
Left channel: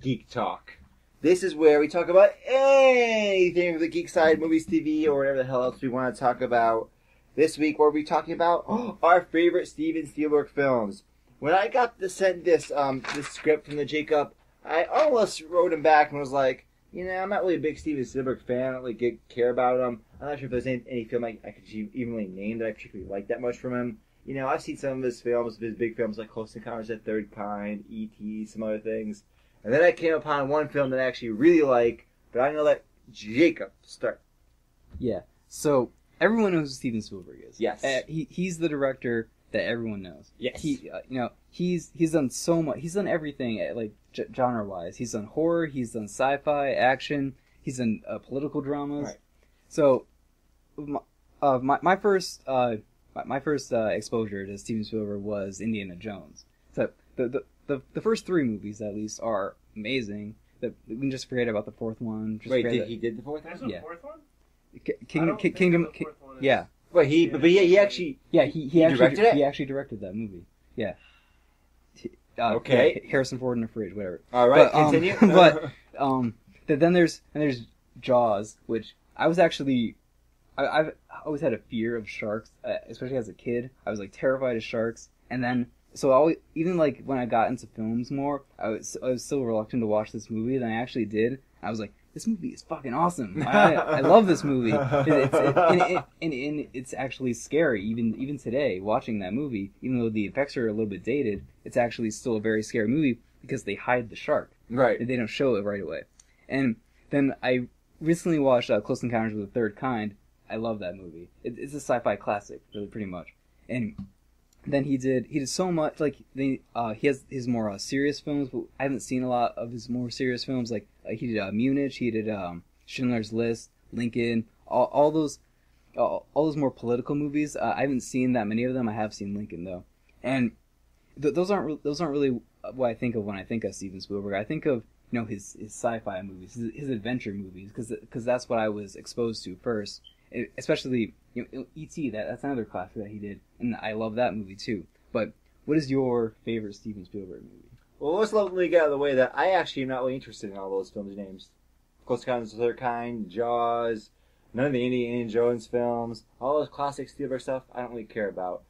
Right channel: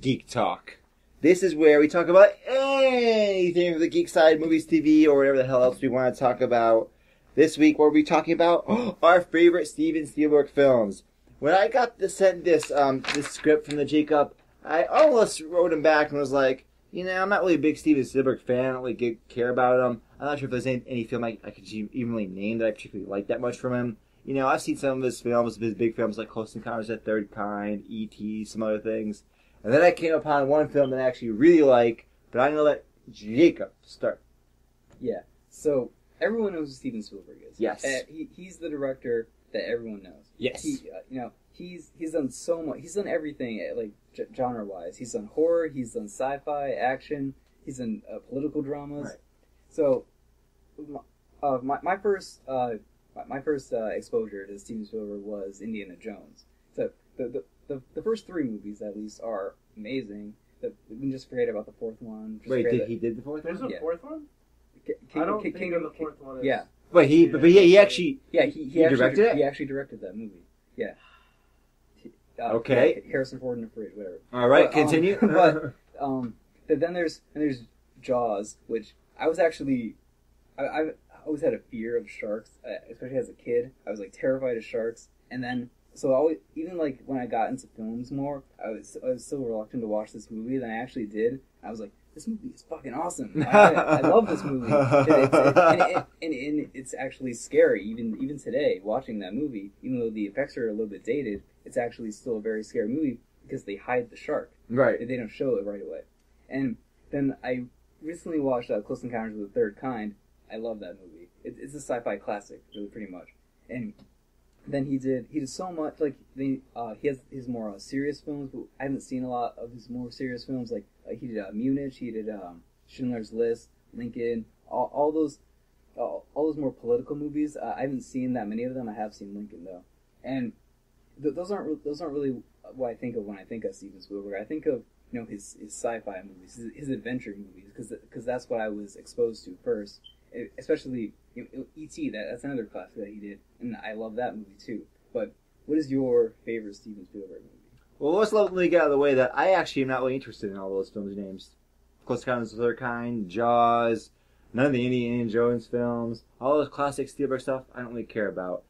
Geek Talk. This is where we talk about anything from the geek side, movies, TV, or whatever the hell else we want to talk about. This week, we'll be talking about our favorite Steven Spielberg films. When I got sent this script from the Jacob, I almost wrote him back and was like, I'm not really a big Steven Spielberg fan. I don't really care about him. I'm not sure if there's any film I could even really name that I particularly like that much from him. I've seen some of his films, his big films like Close Encounters of the Third Kind, E.T., some other things. And then I came upon one film that I actually really like, but I'm going to let Jacob start. Yeah, so everyone knows who Steven Spielberg is. Yes. He's the director that everyone knows. Yes. He's done so much. He's done everything, like genre-wise. He's done horror. He's done sci-fi, action. He's done political dramas. Right. So, my first exposure to Steven Spielberg was Indiana Jones. So the first 3 movies at least are amazing. We can just forget about the 4th one. Wait, he did the 4th one? There's a 4th one? Kingdom. Yeah. Wait, he actually. Yeah, he directed it? He actually directed that movie. Yeah. Okay. Harrison Ford in the fridge, whatever. All right, continue. Then there's Jaws, which I was actually I always had a fear of sharks, especially as a kid. I was like terrified of sharks, and then even like when I got into films more, I was so reluctant to watch this movie. Then I actually did. I was like, this movie is fucking awesome. I love this movie. And it's actually scary, even today, watching that movie. Even though the effects are a little bit dated, it's actually still a very scary movie because they hide the shark. Right. They don't show it right away. And then I recently watched Close Encounters of the Third Kind, I love that movie. It's a sci-fi classic, really, pretty much. And then he did so much. Like he has his more serious films, but I haven't seen a lot of his more serious films. Like he did Munich, he did Schindler's List, Lincoln, all those more political movies. I haven't seen that many of them. I have seen Lincoln though, and those aren't really what I think of when I think of Steven Spielberg. I think of his sci-fi movies, his adventure movies, because that's what I was exposed to first. Especially E.T. That's another classic that he did, and I love that movie too. But what is your favorite Steven Spielberg movie? Well, let's let me get out of the way that I actually am not really interested in all those films' names. Close Encounters of the Third Kind, Jaws, none of the Indiana Jones films, all those classic Spielberg stuff I don't really care about.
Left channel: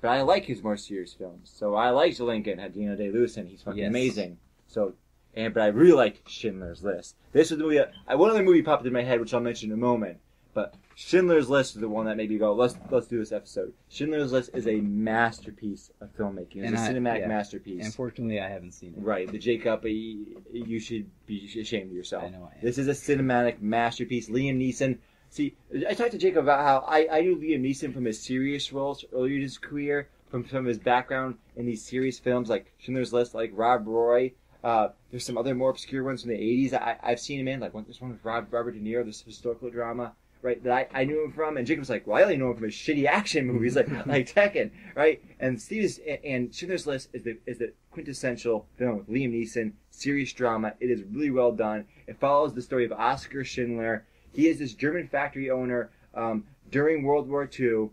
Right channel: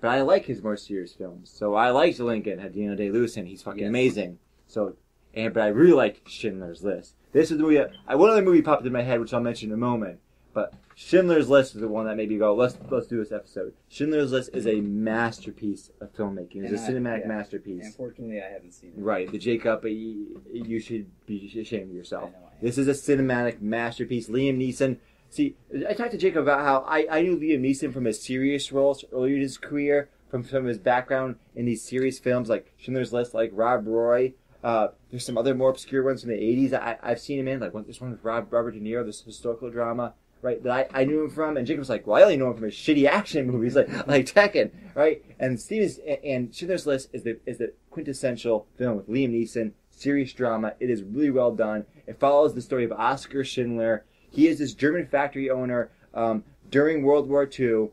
But I like his more serious films. So I liked Lincoln, had Daniel Day-Lewis in. He's fucking amazing. So, but I really liked Schindler's List. This was the movie. One other movie popped in my head, which I'll mention in a moment. But Schindler's List is the one that made me go, let's do this episode. Schindler's List is a masterpiece of filmmaking. It's a cinematic masterpiece. Unfortunately, I haven't seen it. Right. The Jacob, you should be ashamed of yourself. I know I am. This is a cinematic masterpiece. Liam Neeson. See, I talked to Jacob about how I knew Liam Neeson from his serious roles earlier in his career, from his background in these serious films like Schindler's List, like Rob Roy. There's some other more obscure ones from the 80s I've seen him in, like this one with Robert De Niro, this historical drama. Right, that I knew him from, and Jacob's like, well, I only know him from his shitty action movies, like Tekken, right? And Schindler's List is the quintessential film with Liam Neeson, serious drama. It is really well done. It follows the story of Oskar Schindler. He is this German factory owner during World War II,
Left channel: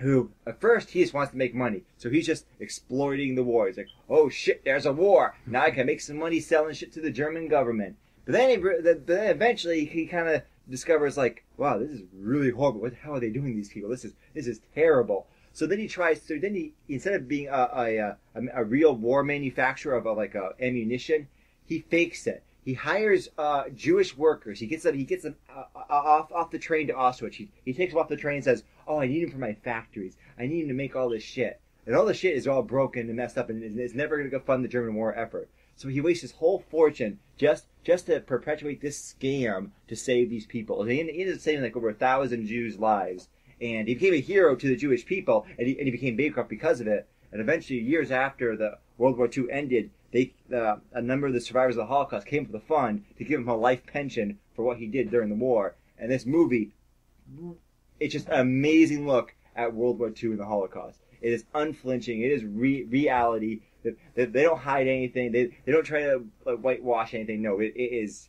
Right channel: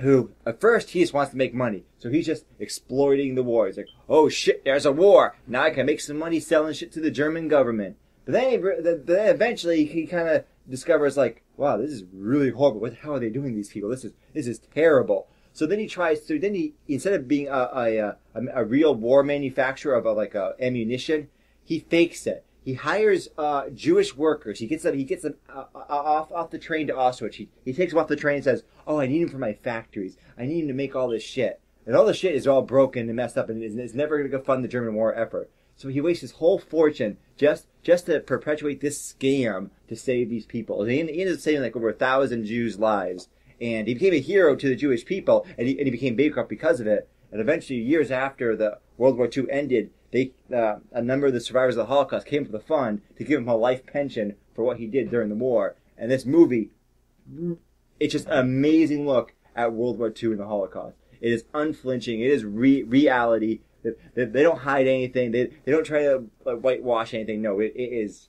who at first he just wants to make money, so he's just exploiting the war. He's like, oh shit, there's a war. Now I can make some money selling shit to the German government. But then eventually he kind of discovers like, wow, this is really horrible. What the hell are they doing to these people? This is terrible. So then he instead of being a real war manufacturer of ammunition, he fakes it. He hires Jewish workers. He gets them off the train to Auschwitz. He takes them off the train and says, oh, I need them for my factories. I need them to make all this shit. And all the shit is all broken and messed up, and it's never going to go fund the German war effort. So he wastes his whole fortune just to perpetuate this scam to save these people. And he ended up saving like over 1,000 Jews' lives. And he became a hero to the Jewish people, and he became bankrupt because of it. And eventually, years after the World War II ended, a number of the survivors of the Holocaust came to the fund to give him a life pension for what he did during the war. And this movie, it's just an amazing look at World War II and the Holocaust. It is unflinching. It is reality. They don't hide anything. They don't try to whitewash anything. No, it's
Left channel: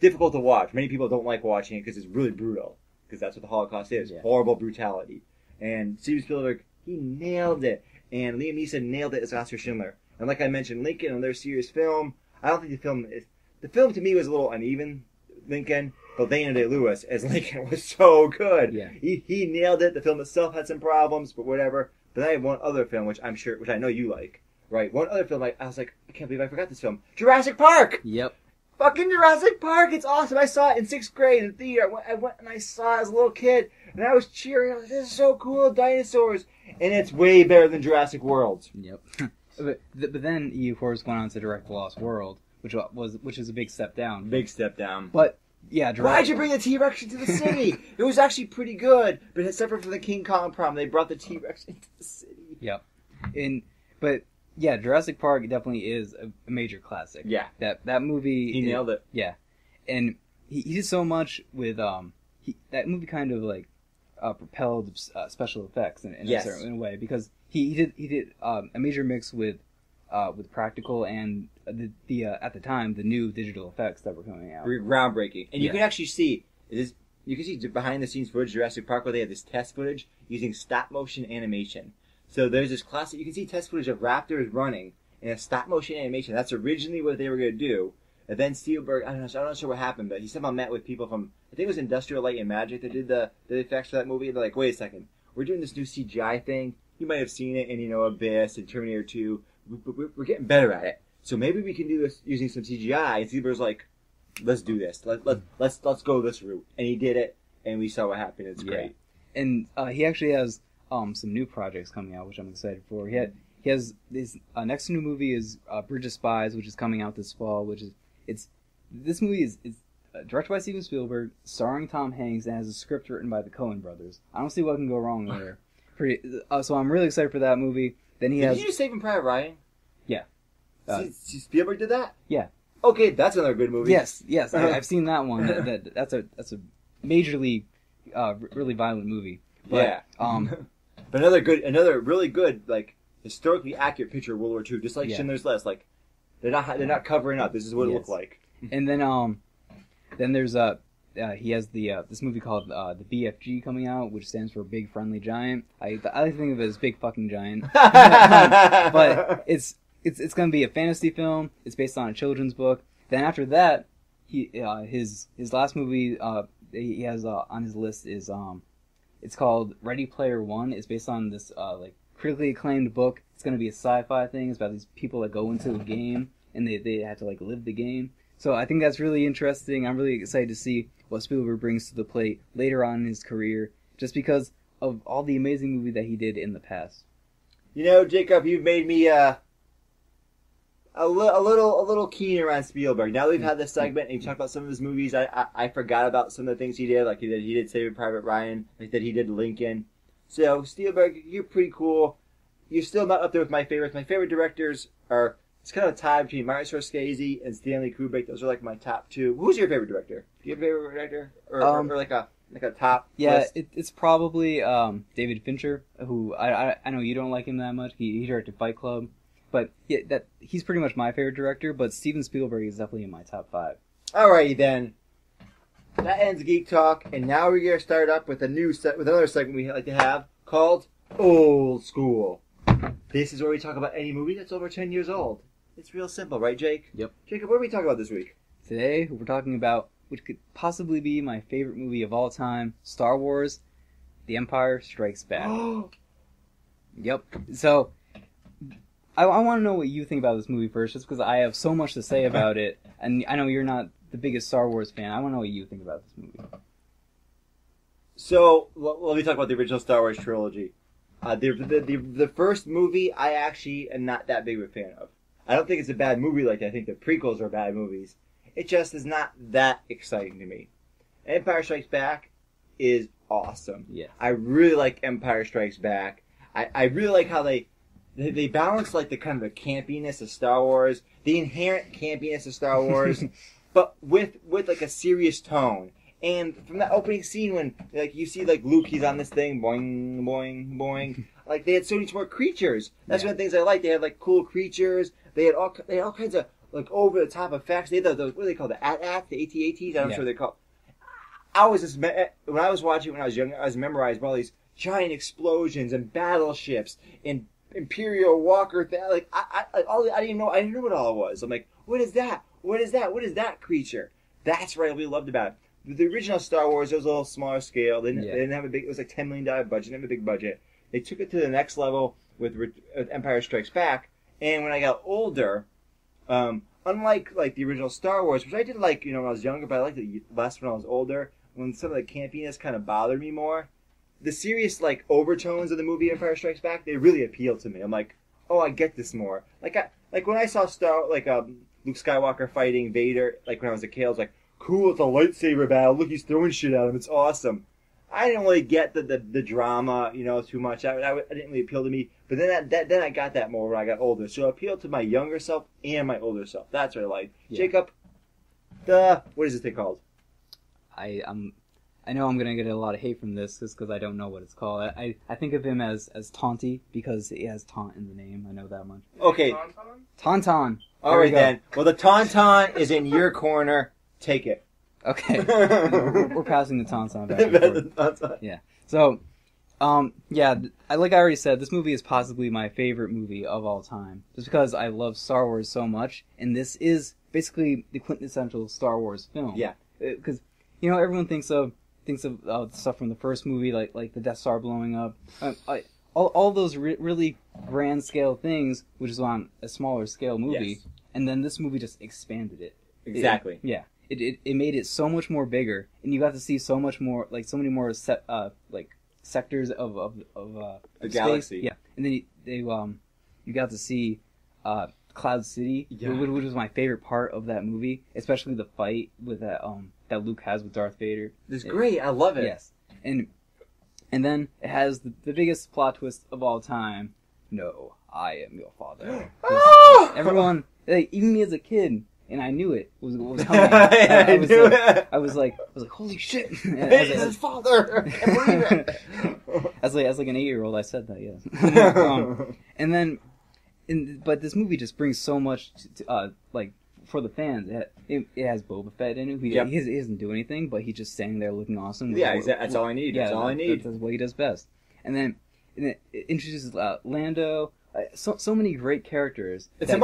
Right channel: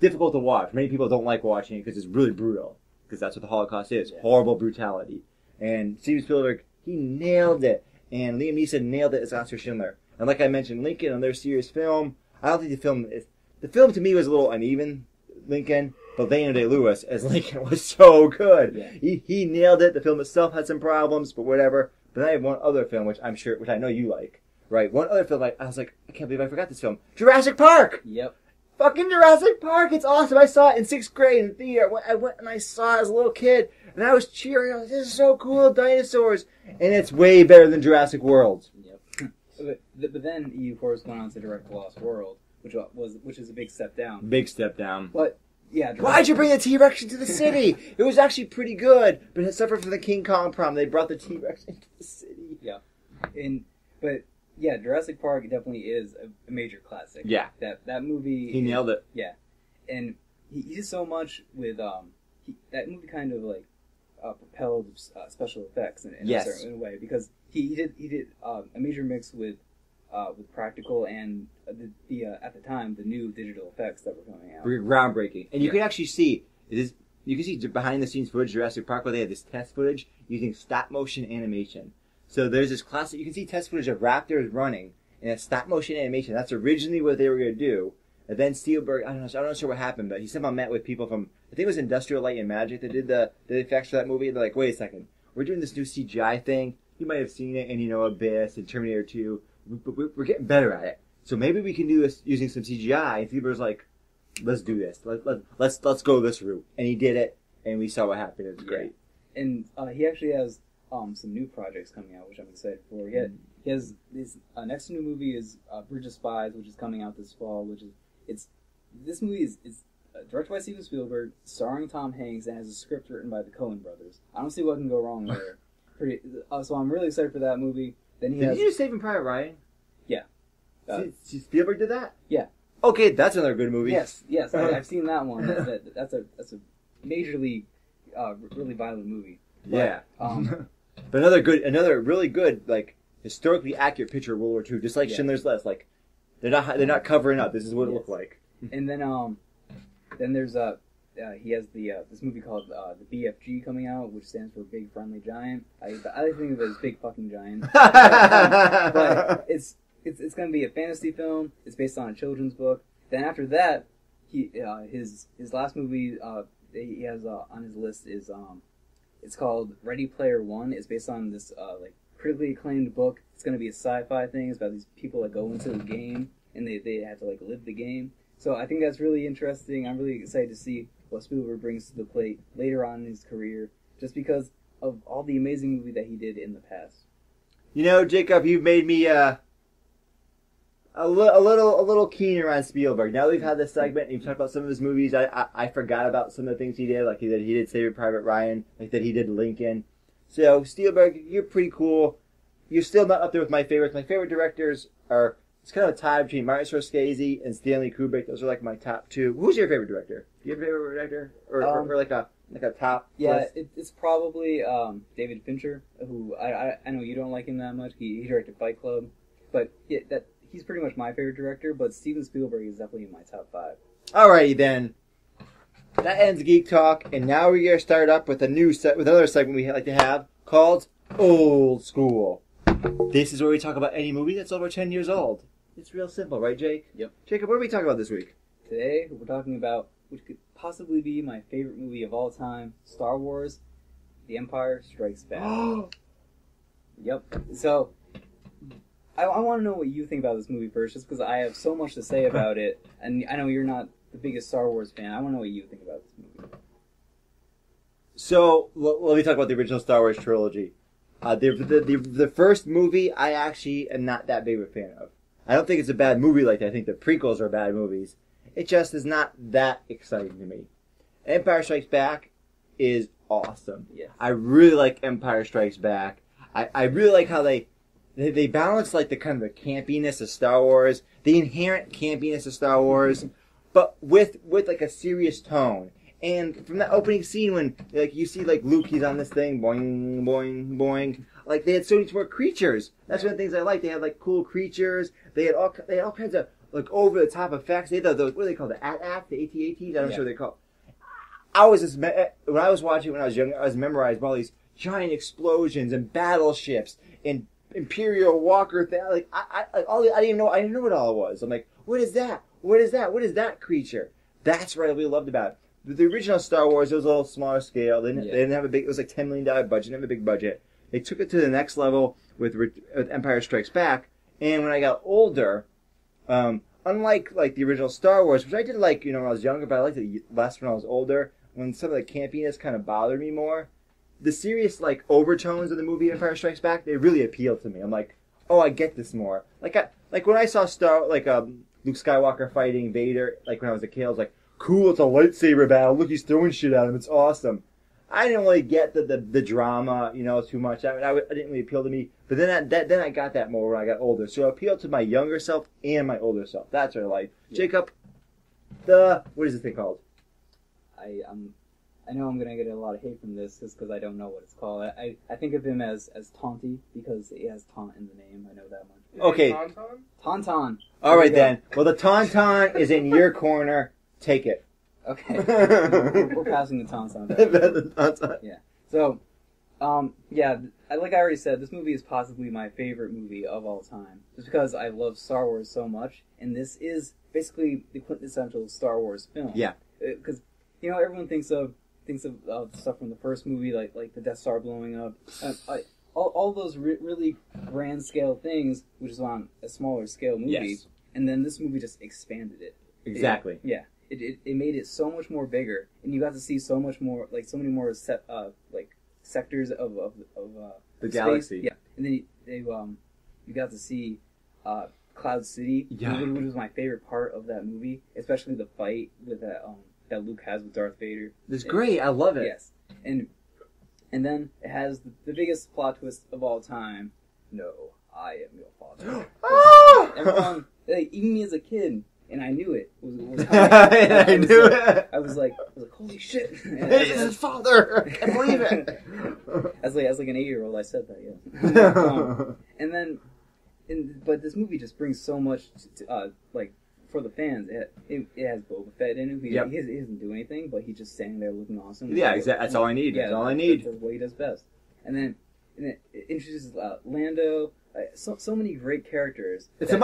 difficult to watch. Many people don't like watching it because it's really brutal. Because that's what the Holocaust is. Yeah. Horrible brutality. And Steven Spielberg, he nailed it. And Liam Neeson nailed it as Oskar Schindler. And like I mentioned, Lincoln, another serious film. I don't think the film to me was a little uneven, Lincoln. But Daniel Day-Lewis as Lincoln was so good. Yeah. He nailed it. The film itself had some problems, but whatever. But I have one other film, which I know you like. Right, one other film, I was like, I can't believe I forgot this film. Jurassic Park! Yep. Fucking Jurassic Park! It's awesome! I saw it in 6th grade in the theater. I went and I saw it as a little kid, and I was cheering. I was like, this is so cool, dinosaurs! And it's way better than Jurassic World. Yep. but then he, of course, went on to direct The Lost World, which is a big step down. Big step down. But, yeah, why'd you bring the T-Rex into the city? It was actually pretty good, but it suffered from the King Kong problem. They brought the T-Rex into the city. Yep. But... yeah, Jurassic Park definitely is a major classic. Yeah. That movie... he nailed it. Yeah. And he did so much with... that movie kind of, propelled special effects in a way. Because he did a major mix with practical and, at the time, the new digital effects that were coming out. Groundbreaking. And you can actually see... you can see behind-the-scenes footage of Jurassic Park where they had this test footage using stop-motion animation. So there's this classic, you can see test footage of raptors running in a stop-motion animation. That's originally what they were going to do. And then Spielberg, I'm not sure what happened, but he somehow met with people from, I think it was Industrial Light and Magic that did the effects for that movie. They're like, wait a second, we're doing this new CGI thing. You might have seen it in, Abyss and Terminator 2. We're getting better at it. So maybe we can do this using some CGI. And Spielberg's like, let's do this. Let's go this route. And he did it, and we saw what happened. It's great. And he actually has... some new projects coming out, which I'm excited for. He has this next new movie is Bridge of Spies, which is coming out this fall. This movie is directed by Steven Spielberg, starring Tom Hanks, and has a script written by the Coen brothers. I don't see what can go wrong there. So I'm really excited for that movie. Then he has. Did you do Saving Private Ryan? Yeah. Spielberg did that? Yeah. Okay, that's another good movie. Yes, I've seen that one. That's a majorly really violent movie. But, yeah. But another really good, like, historically accurate picture of World War II, just like Schindler's List. Like, they're not covering up. This is what it looked like. And then there's he has this movie called the BFG coming out, which stands for Big Friendly Giant. I think of it as Big Fucking Giant, but it's gonna be a fantasy film. It's based on a children's book. Then after that, his last movie he has on his list is it's called Ready Player One. It's based on this like critically acclaimed book. It's gonna be a sci-fi thing. It's about these people that go into the game and they have to like live the game. So I think that's really interesting. I'm really excited to see what Spielberg brings to the plate later on in his career, just because of all the amazing movies that he did in the past. You know, Jacob, you've made me a little keener on Spielberg. Now that we've had this segment and you've talked about some of his movies, I forgot about some of the things he did. Like he did Saving Private Ryan, like that he did Lincoln. So Spielberg, you're pretty cool. You're still not up there with my favorites. My favorite directors are, it's kind of a tie between Martin Scorsese and Stanley Kubrick. Those are like my top two. Who's your favorite director? Do you have a favorite director, or like a top? Yeah, list? it's probably David Fincher, who I know you don't like him that much. He directed Fight Club, but he's pretty much my favorite director. But Steven Spielberg is definitely in my top 5. Alrighty then. That ends Geek Talk, and now we're gonna start up with another segment we like to have called Old School. This is where we talk about any movie that's over 10 years old. It's real simple, right, Jake? Yep. Jacob, what are we talking about this week? Today, we're talking about which could possibly be my favorite movie of all time, Star Wars, The Empire Strikes Back. Yep. So, I want to know what you think about this movie first, just because I have so much to say about it, and I know you're not the biggest Star Wars fan. I want to know what you think about this movie. So, let me talk about the original Star Wars trilogy. The first movie, I actually am not that big of a fan of. I don't think it's a bad movie like that. I think the prequels are bad movies. It just is not that exciting to me. Empire Strikes Back is awesome. Yeah. I really like Empire Strikes Back. I really like how they balance like the kind of the campiness of Star Wars, the inherent campiness of Star Wars, but with like a serious tone. And from that opening scene when like you see like Luke, he's on this thing, boing, boing, boing. Like they had so many more creatures. That's one of the things I like. They had like cool creatures. They had all kinds of like over the top effects. They had those, what do they call, the AT-AT, the AT-ATs? I'm not sure what they call. I was just when I was watching when I was young, I was memorized by all these giant explosions and battleships and Imperial Walker thing. Like I didn't know what all it was. I'm like, what is that? What is that? What is that creature? That's what I really loved about it. The original Star Wars, it was a little smaller scale. They didn't have a big. It was like $10 million budget. They didn't have a big budget. They took it to the next level with Empire Strikes Back. And when I got older, unlike like the original Star Wars, which I did like, when I was younger, but I liked it less when I was older. When some of the campiness kind of bothered me more, the serious like overtones of the movie Empire Strikes Back, they really appealed to me. I'm like, oh, I get this more. Like when I saw Luke Skywalker fighting Vader, like when I was a kid, I was like, cool, it's a lightsaber battle. Look, he's throwing shit at him. It's awesome. I didn't really get the drama, too much. It didn't really appeal to me. But then I got that more when I got older. So it appealed to my younger self and my older self. That's what I like. Yeah. Jacob, what is this thing called? I know I'm gonna get a lot of hate from this just because I don't know what it's called. I think of him as Taunty because he has taunt in the name. I know that much. Okay. Tauntaun. All right then. Well, the Tauntaun is in your corner. Take it. Okay. We're passing the Tauntaun back. Yeah. So, like I already said, this movie is possibly my favorite movie of all time, just because I love Star Wars so much, and this is basically the quintessential Star Wars film. Yeah. Because everyone thinks of the stuff from the first movie, like the Death Star blowing up, all those really grand scale things, which is on a smaller scale movie, yes. And then this movie just expanded it. Exactly. It made it so much more bigger, and you got to see so much more, like so many more sectors of the galaxy. Yeah, and then you got to see Cloud City, which was my favorite part of that movie, especially the fight with that that Luke has with Darth Vader. It's great. I love it. Yes, and then it has the biggest plot twist of all time. No, I am your father. Everyone, like, even me as a kid, and I knew it was coming. I knew it. I was like, holy shit! Hey, it's his father. I can't believe it. As like an 8-year-old, I said that. Yes. And then, but this movie just brings so much to, like, for the fans. It has Boba Fett in it. He doesn't do anything, but he's just standing there looking awesome. Yeah, exactly. That's all I need. Yeah, that's all I need. That's what he does best. And then it introduces Lando. So many great characters. It's a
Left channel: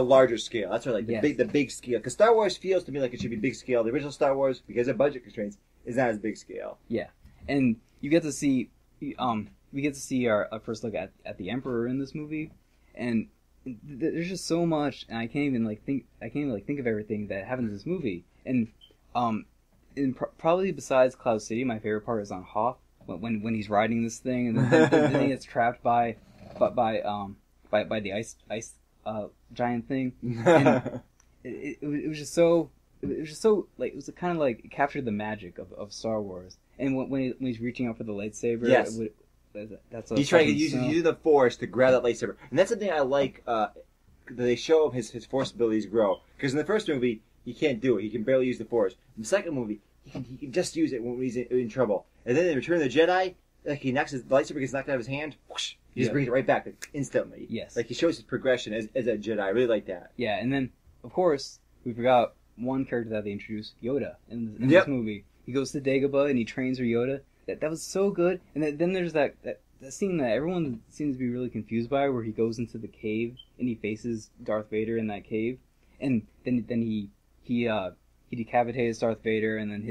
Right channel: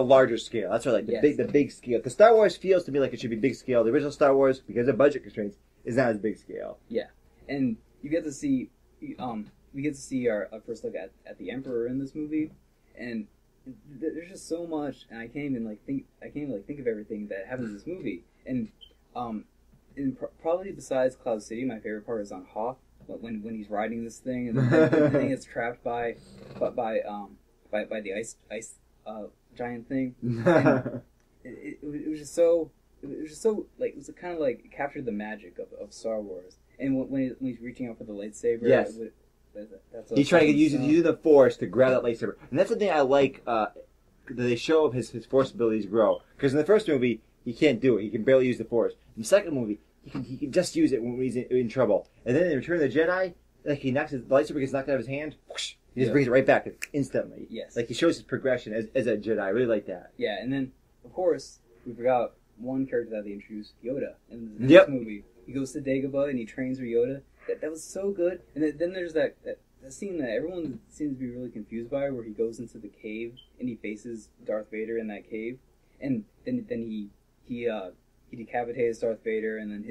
larger scale. That's what the big scale. Because Star Wars feels to me like it should be big scale. The original Star Wars, because of budget constraints, is not as big scale. Yeah, and you get to see we get to see our first look at the Emperor in this movie, and there's just so much, and I can't even think of everything that happens in this movie. And probably besides Cloud City, my favorite part is on Hoth when he's riding this thing, and then he gets trapped by the ice giant thing. And it was just so like, it was kind of like, it captured the magic of Star Wars. And when he's reaching out for the lightsaber, yes, that's what he's trying to use the Force to grab that lightsaber, and that's the thing I like. That they show his Force abilities grow, because in the first movie he can't do it; he can barely use the Force. In the second movie, he can just use it when he's in trouble. And then in Return of the Jedi, like, the lightsaber gets knocked out of his hand, whoosh, he just brings it right back instantly. Yes, like, he shows his progression as a Jedi. I really like that. Yeah, and then of course we forgot one character that they introduced, Yoda, in this movie. He goes to Dagobah and he trains for Yoda. That was so good. And then there's that scene that everyone seems to be really confused by, where he goes into the cave and he faces Darth Vader in that cave, and then he decapitates Darth Vader, and then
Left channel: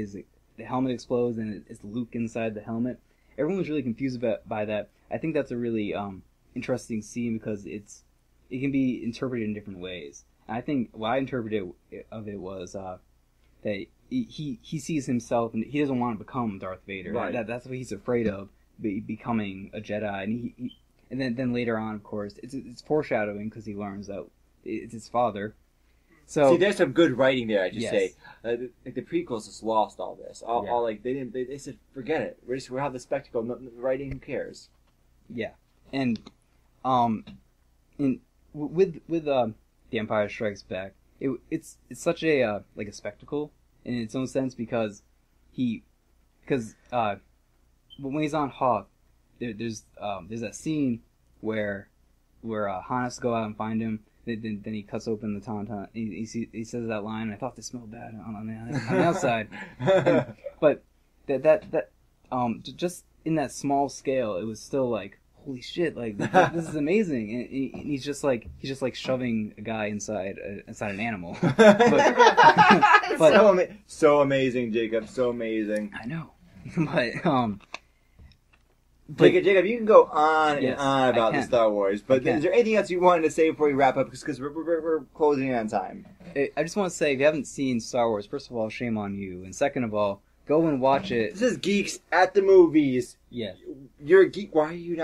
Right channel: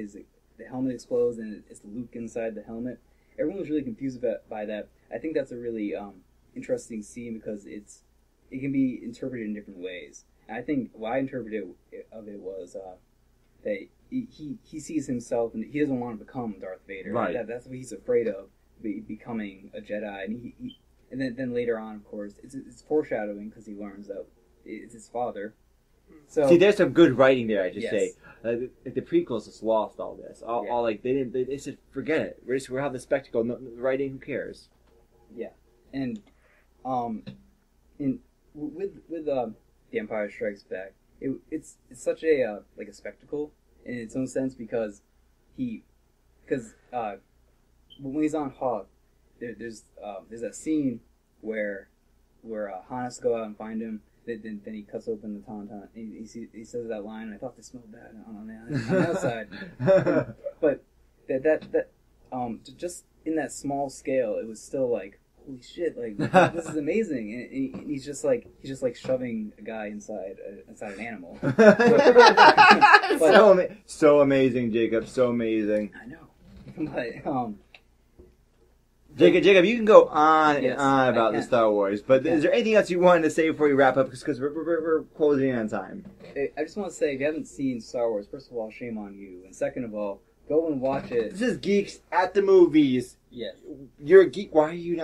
the helmet explodes and it's Luke inside the helmet. Everyone was really confused by that. I think that's a really interesting scene, because it can be interpreted in different ways. And I think what I interpreted of it was that he sees himself, and he doesn't want to become Darth Vader. Right. That's what he's afraid of, becoming a Jedi. And then later on, of course, it's foreshadowing, because he learns that it's his father. So see, there's some good writing there. I just yes. say, like, the prequels just lost all this. All like they said, forget it. We'll have the spectacle. No, writing, who cares? Yeah, and with The Empire Strikes Back, it's such a like a spectacle in its own sense, because when he's on Hoth, there's that scene where Han has to go out and find him. Then he cuts open the tauntaun. He says that line. I thought they smelled bad on the outside, but that just in that small scale, it was still like, holy shit! Like, this is amazing. And he's just like shoving a guy inside an animal. But so amazing, Jacob. So amazing. I know, but Jacob, you can go on and yes, on about the Star Wars, but is there anything else you wanted to say before we wrap up? Because we're closing in on time. I just want to say, if you haven't seen Star Wars, first of all, shame on you, and second of all, go and watch it. This is Geeks at the Movies. Yes. You're a geek. Why didn't you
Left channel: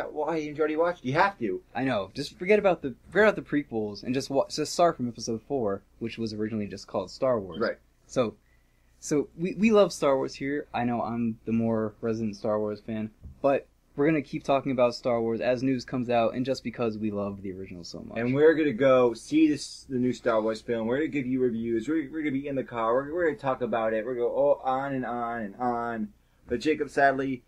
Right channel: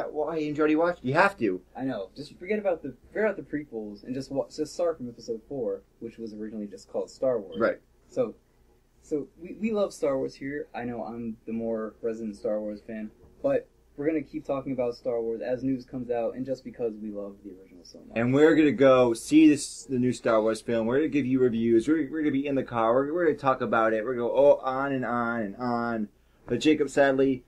already watch? You have to. I know. Just forget about the prequels and just start from Episode 4, which was originally just called Star Wars. Right. So we love Star Wars here. I know I'm the more resident Star Wars fan, but we're going to keep talking about Star Wars as news comes out, and just because we love the original so much. And we're going to go see the new Star Wars film. We're going to give you reviews. We're going to be in the car. We're going to talk about it. We're going to go on and on and on. But Jacob, sadly,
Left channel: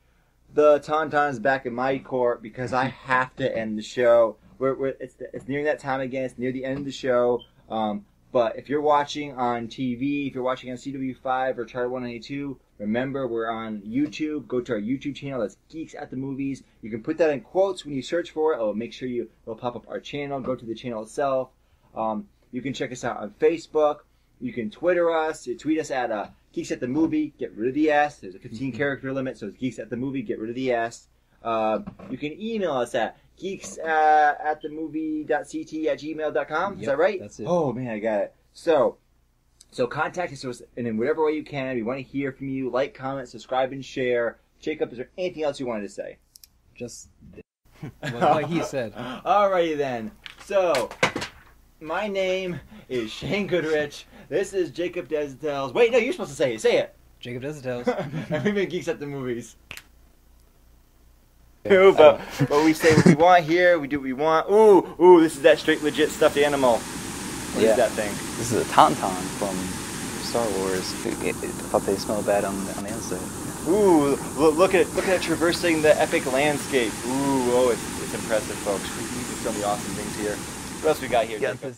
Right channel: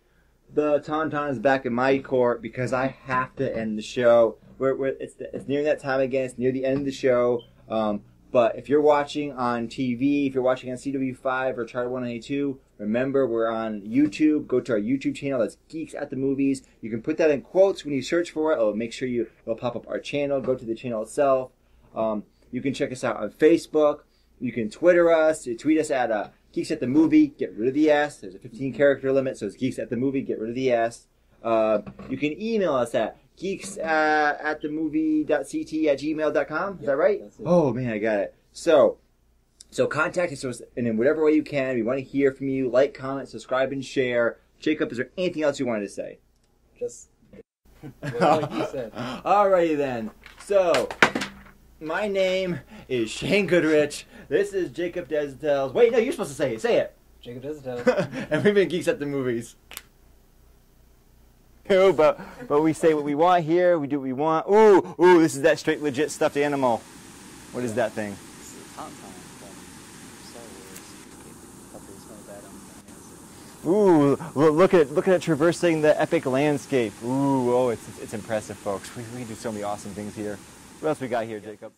the tauntaun is back in my court, because I have to end the show. It's nearing that time again. It's near the end of the show. But if you're watching on TV, if you're watching on CW5 or Channel 192, remember, we're on YouTube. Go to our YouTube channel. That's Geeks at the Movies. You can put that in quotes when you search for it. It'll make sure it'll pop up our channel. Go to the channel itself. You can check us out on Facebook. You can Twitter us. Tweet us at Geeks at the Movie. Get rid of the S. There's a 15-character limit, so it's Geeks at the Movie. Get rid of the S. You can email us at geeks@themovie.ct@gmail.com. Is that right? That's it. Oh, man, I got it. So contact us in whatever way you can. We want to hear from you. Like, comment, subscribe, and share. Jacob, is there anything else you wanted to say? Just what he said. Alrighty then. So, my name is Shane Goodrich. This is Jacob Desdales. Wait, no, you're supposed to say it. Say it. Jacob Desdales. And we've been Geeks at the Movies. But we say what we want here. We do what we want. Ooh, this is that straight legit stuffed animal. What is that thing? This is a tauntaun from Star Wars. I thought they smelled bad on the inside. Ooh, look at it traversing the epic landscape. Ooh, it's impressive, folks. We do so many awesome things here. What else we got here? Yeah, Jacob?